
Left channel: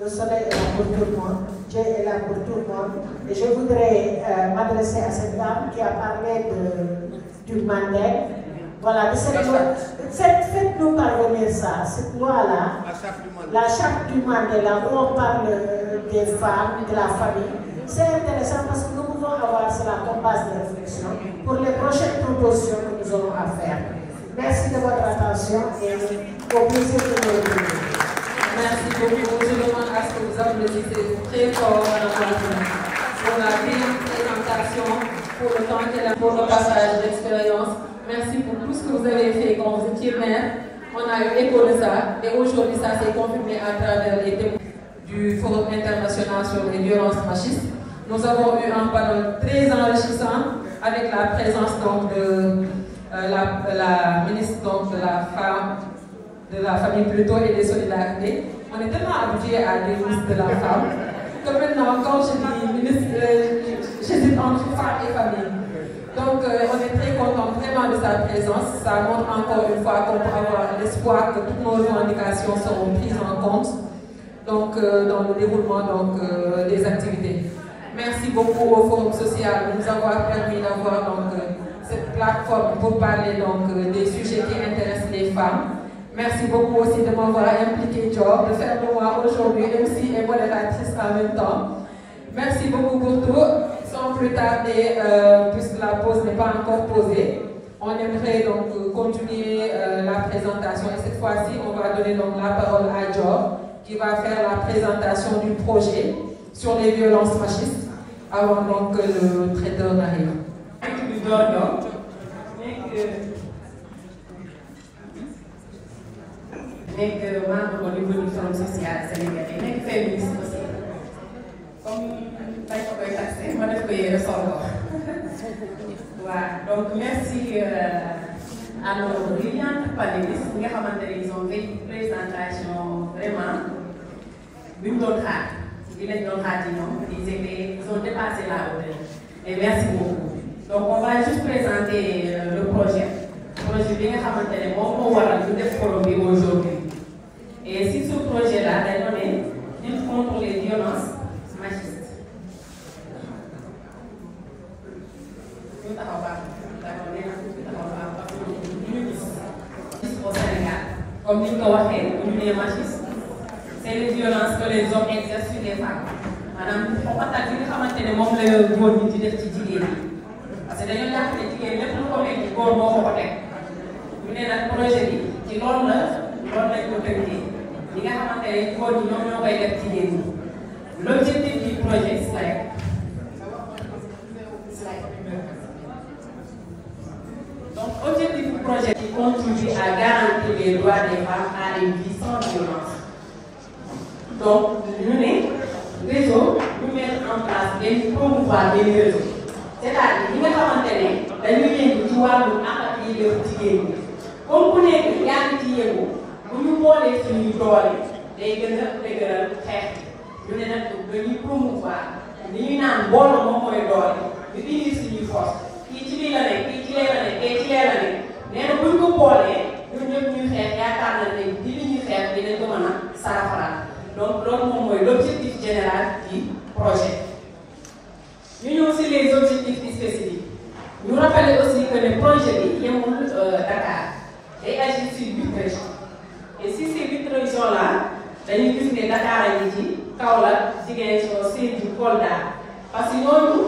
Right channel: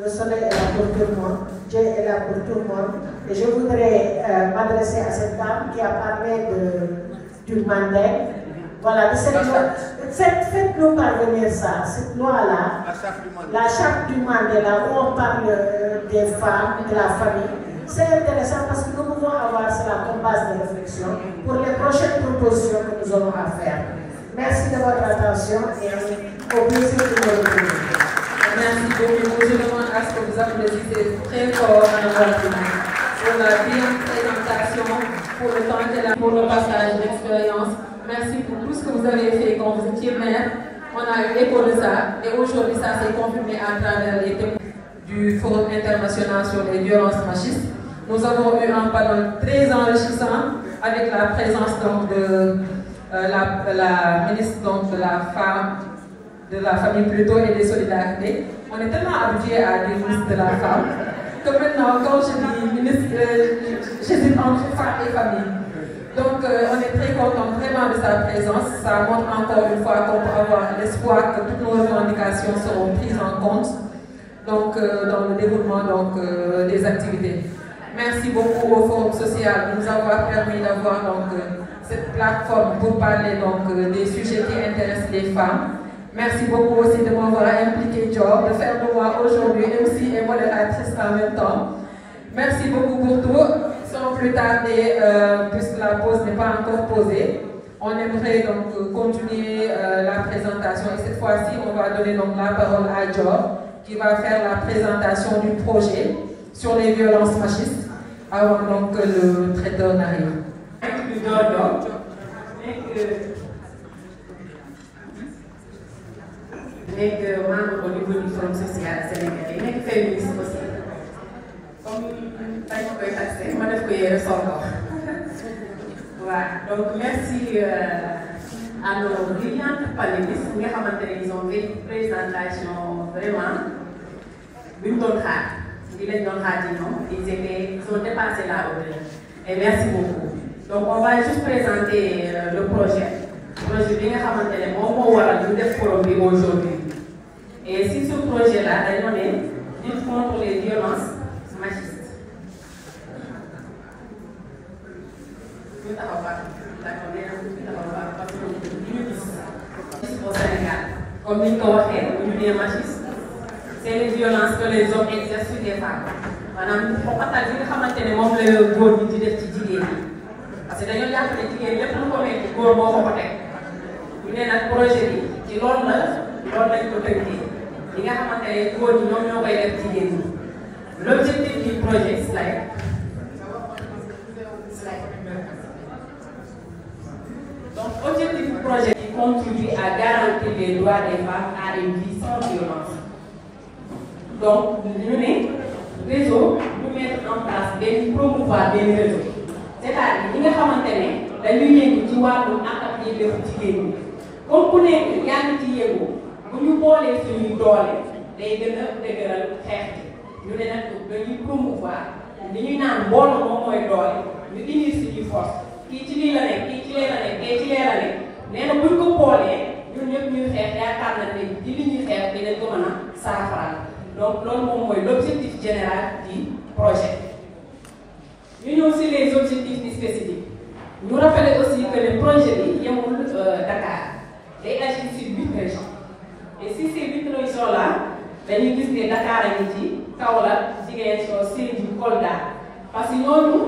Le soleil est là pour tout le monde, Dieu est là pour tout le monde. Et je voudrais m'adresser à cette dame qui a parlé du Mandel. Voilà, de cette loi. Faites-nous parvenir ça, cette loi-là, la charte du Mandela, où on parle des femmes, de la famille. C'est intéressant parce que nous pouvons avoir cela comme base de réflexion pour les prochaines propositions que nous aurons à faire. Merci de votre attention et au plaisir de vous retrouver. Merci beaucoup. Je demande à ce que vous applaudissez très fort. On a bien une présentation pour le temps qu'elle a pour nos passages d'expérience. Merci pour tout ce que vous avez fait quand vous étiez maire. On a eu écho de ça et aujourd'hui ça s'est confirmé à travers les témoignages du Forum international sur les violences machistes. Nous avons eu un panel très enrichissant avec la présence donc, de la ministre donc, de la famille plutôt et des solidarités. On est tellement habitué à des ministres de la femme que maintenant quand je dis ministre, j'hésite entre femme et famille. Donc on est très content vraiment remerciement de sa présence. Ça montre encore une fois qu'on peut avoir l'espoir que toutes nos revendications seront prises en compte donc, dans le déroulement donc, des activités. Merci beaucoup au Forum social de nous avoir permis d'avoir donc, cette plateforme pour parler donc, des sujets qui intéressent les femmes. Merci beaucoup aussi de m'avoir impliqué, Job, de faire de moi aujourd'hui MC et modératrice en même temps. Merci beaucoup pour tout. Sans plus tarder, puisque la pause n'est pas encore posée, on aimerait donc continuer la présentation. Et cette fois-ci, on va donner donc la parole à Job, qui va faire la présentation du projet sur les violences machistes, avant donc que le traiteur n'arrive. nekk membre au niveau du Forum social sénégalais nekk féministe aussi comme bañ ko koy taxé ma def ko yéene sol ko waaw donc merci à nos brillantes panélistes nga xamante ne ils ont fait une présentation vraiment bi ñu doon xaar di lañ doon xaar ci ñoom ils ont dépassé la hauteur et merci beaucoup donc on va juste présenter le projet bi nga xamante ne moom moo waral ñu def forum bi aujourd'hui. Et si ce projet-là est donné, lutte contre les violences machistes. Au Sénégal, comme nous l'avons dit, machistes, c'est les violences que les hommes exercent sur les femmes. Madame, on va dire que nous avons le góor ñi di def ci jigéen ñi parce que dañoo jàpp ne jigéen lépp lu ko nekk góor moo ko teg bu ne nag projet bi ci loolu lañ ko tënkee. li nga xamante ne góor ñi ñoom ñoo koy def jigéen ñi l'objectif du projet donc objectif du projet qui contribue à garantir les droits des femmes à une vie sans violence. Donc ñu ne réseau ñu mettre en place benn promouvoir benn réseau c'est-à-dire ñi nga xamante ne dañuy yëngu ci wàllu àq ak yelleefu jigéen ñi comme ku nekk yaa ngi ci yëngu bu ñu boolee suñuy doole day gën a dëgëral xeex bi ñu ne nag dañuy promouvoir li ñuy naan mbooloo moom mooy doole ñu indi suñuy force kii ci lii la nekk kii ci lee la nekk kii ci lee la nekk nee na buñ ko boolee ñun ñëpp ñuy xeex yaakaar na ne di li ñuy xeex dinañ ko mën a saafara donc loolu moom mooy l'objectif général du projet. ñu ñëw si les objectifs spécifiques ñu rappeler aussi que le projet bi yemul Dakar day agir sur 8 régions. Et si ces 8 régions-là, dañuy gis ne Dakar a ngi ci Kaolack, Ziguinchor, Sédhiou, Kolda parce que ñooñu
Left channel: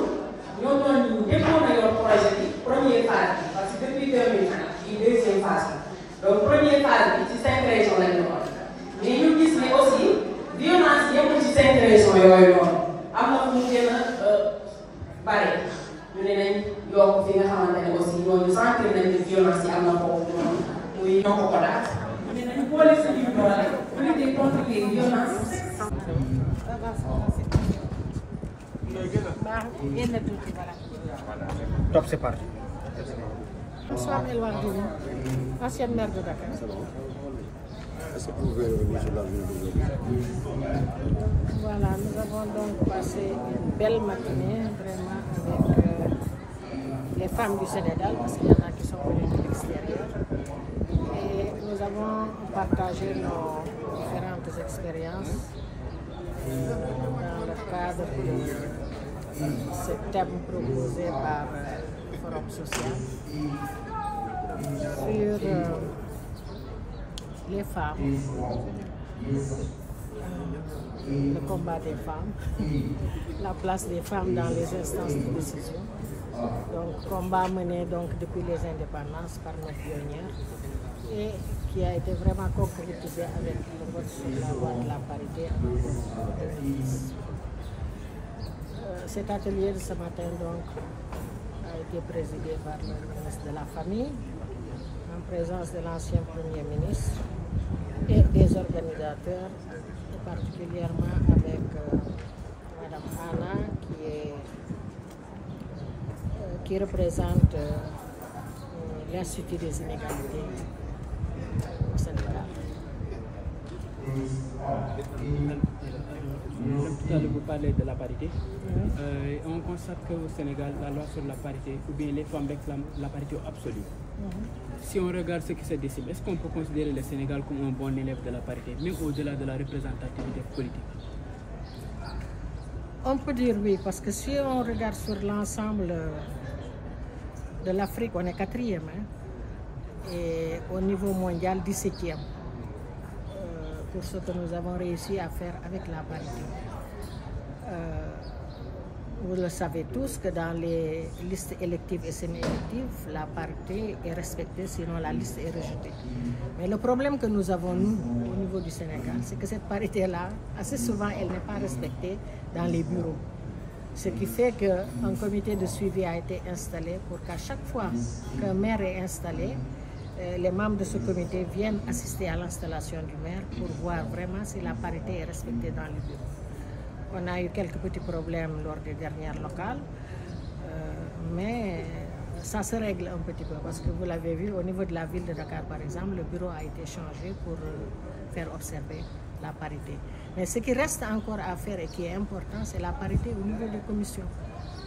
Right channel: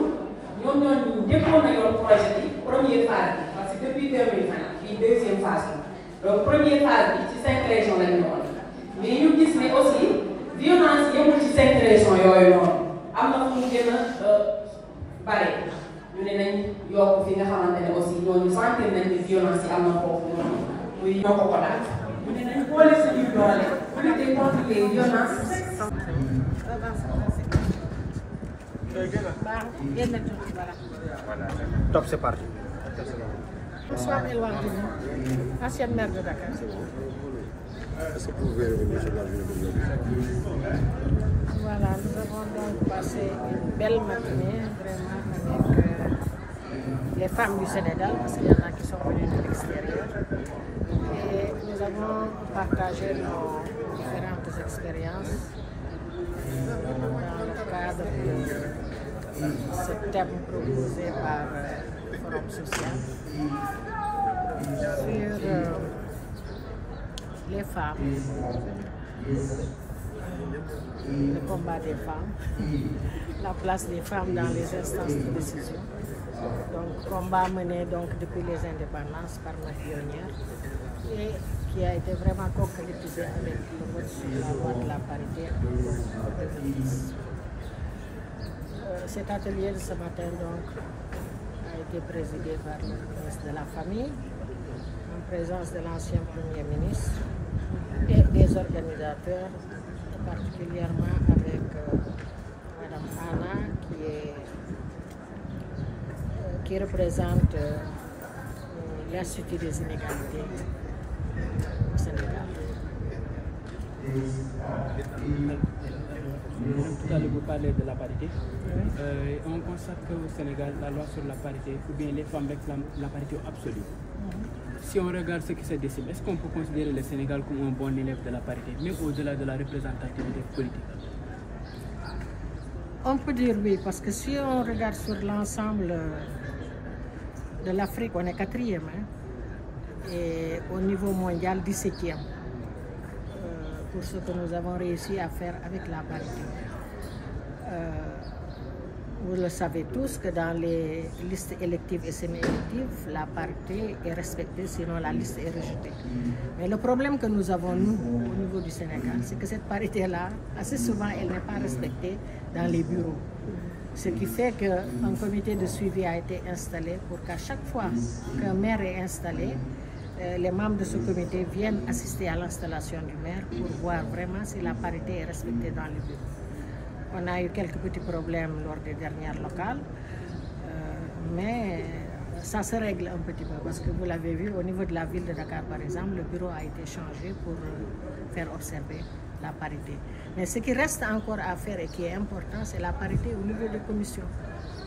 njëkkoon a yor projet bi première phase bi parce que depuis 2020 une deuxième phase bi donc première phase bi ci 5 régions lañu doon mais ñu gis ne aussi violence yemul ci 5 régions yooyu noonu am na fu mu gën a bare ñu ne nañ yokk fi nga xamante ne aussi ñooñu sentir nañ ne violence yi am na foofu noonu muy ñoo ko daal. Pour les lutter contre les violences. Top, c'est parti. Bonsoir, Elwar Dini, ancienne maire de Dakar. Est-ce que vous pouvez revenir sur la journée d'aujourd'hui? Voilà, nous avons donc passé une belle matinée vraiment avec les femmes du Sénégal, parce qu'il y en a qui sont venues de l'extérieur. Et nous avons partagé nos différentes expériences dans le cadre de ce thème proposé par le Forum social sur les femmes, le combat des femmes, la place des femmes dans les instances de décision. Donc, combat mené donc depuis les indépendances par nos pionnières et qui a été vraiment concrétisé avec le vote sur la loi de la parité en 2010. Cet atelier de ce matin donc a été présidé par le ministre de la Famille en présence de l'ancien Premier ministre et des organisateurs, particulièrement avec Madame Anna qui représente l'Institut des inégalités au Sénégal. Tout à l'heure, vous parlez de la parité. On constate qu'au Sénégal, la loi sur la parité, ou bien les femmes réclament la parité absolue. si on regarde ce qui se dessine, est-ce qu'on peut considérer le Sénégal comme un bon élève de la parité, même au-delà de la représentativité politique? On peut dire oui, parce que si on regarde sur l'ensemble de l'Afrique, on est 4e, hein, et au niveau mondial, 17e, pour ce que nous avons réussi à faire avec la parité. Vous le savez tous que dans les listes électives et semi-électives, la parité est respectée, sinon la liste est rejetée. Mais le problème que nous avons, nous, au niveau du Sénégal, c'est que cette parité-là, assez souvent, elle n'est pas respectée dans les bureaux. Ce qui fait qu'un comité de suivi a été installé pour qu'à chaque fois qu'un maire est installé, les membres de ce comité viennent assister à l'installation du maire pour voir vraiment si la parité est respectée dans les bureaux. On a eu quelques petits problèmes lors des dernières locales, mais ça se règle un petit peu parce que vous l'avez vu, au niveau de la ville de Dakar par exemple, le bureau a été changé pour faire observer la parité. Mais ce qui reste encore à faire et qui est important, c'est la parité au niveau des commissions.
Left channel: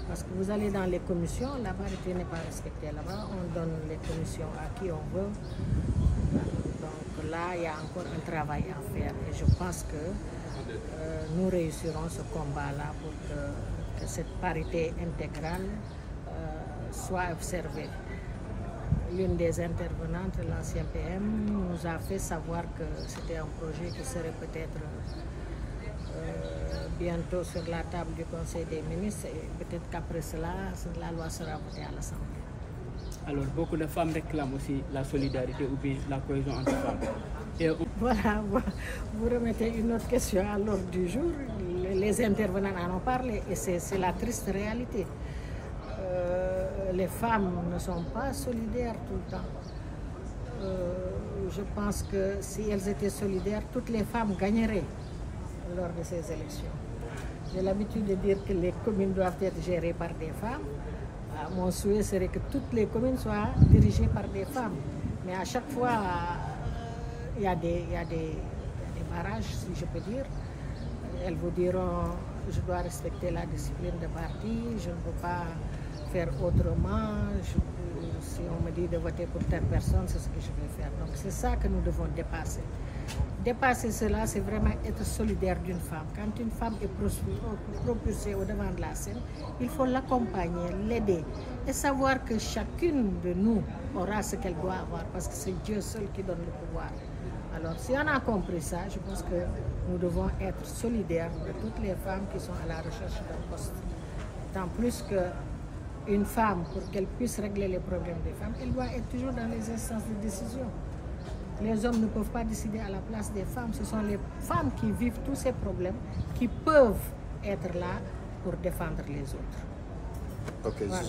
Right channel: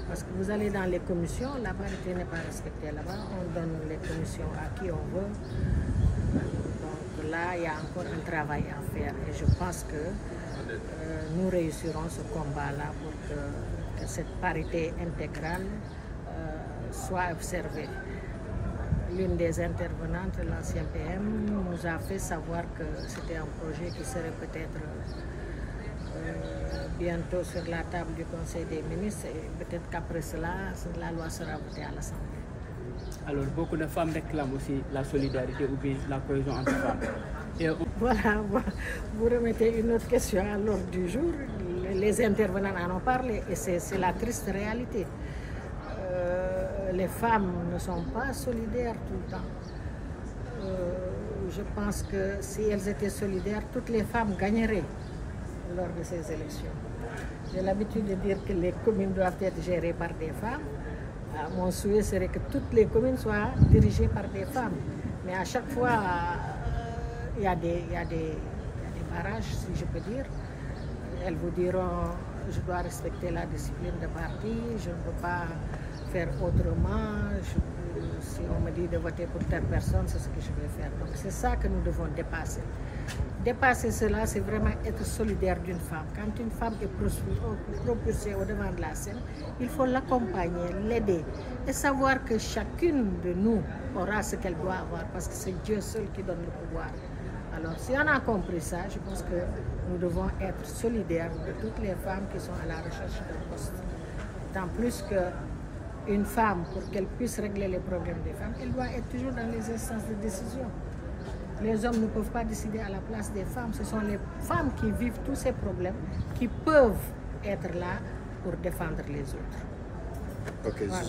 Parce que vous allez dans les commissions, la parité n'est pas respectée là-bas, on donne les commissions à qui on veut. Donc là, il y a encore un travail à faire et je pense que nous réussirons ce combat-là pour que cette parité intégrale soit observée. L'une des intervenantes, l'ancien PM, nous a fait savoir que c'était un projet qui serait peut-être bientôt sur la table du Conseil des ministres et peut-être qu'après cela, la loi sera votée à l'Assemblée. Alors, beaucoup de femmes réclament aussi la solidarité ou bien la cohésion entre femmes. Voilà, vous remettez une autre question à l'ordre du jour. Les intervenants en ont parlé et c'est la triste réalité. Les femmes ne sont pas solidaires tout le temps. Je pense que si elles étaient solidaires, toutes les femmes gagneraient lors de ces élections. J'ai l'habitude de dire que les communes doivent être gérées par des femmes. Mon souhait serait que toutes les communes soient dirigées par des femmes. Mais à chaque fois, il y a des barrages, si je peux dire. Elles vous diront, je dois respecter la discipline de parti, je ne peux pas faire autrement. Si on me dit de voter pour telle personne, c'est ce que je vais faire. Donc c'est ça que nous devons dépasser. Dépasser cela, c'est vraiment être solidaire d'une femme. Quand une femme est propulsée au devant de la scène, il faut l'accompagner, l'aider et savoir que chacune de nous aura ce qu'elle doit avoir parce que c'est Dieu seul qui donne le pouvoir. Alors si on a compris ça, je pense que nous devons être solidaires de toutes les femmes qui sont à la recherche d'un poste. Tant plus qu'une femme, pour qu'elle puisse régler les problèmes des femmes, elle doit être toujours dans les instances de décision. Les hommes ne peuvent pas décider à la place des femmes. Ce sont les femmes qui vivent tous ces problèmes qui peuvent être là pour défendre les autres. Ok, voilà.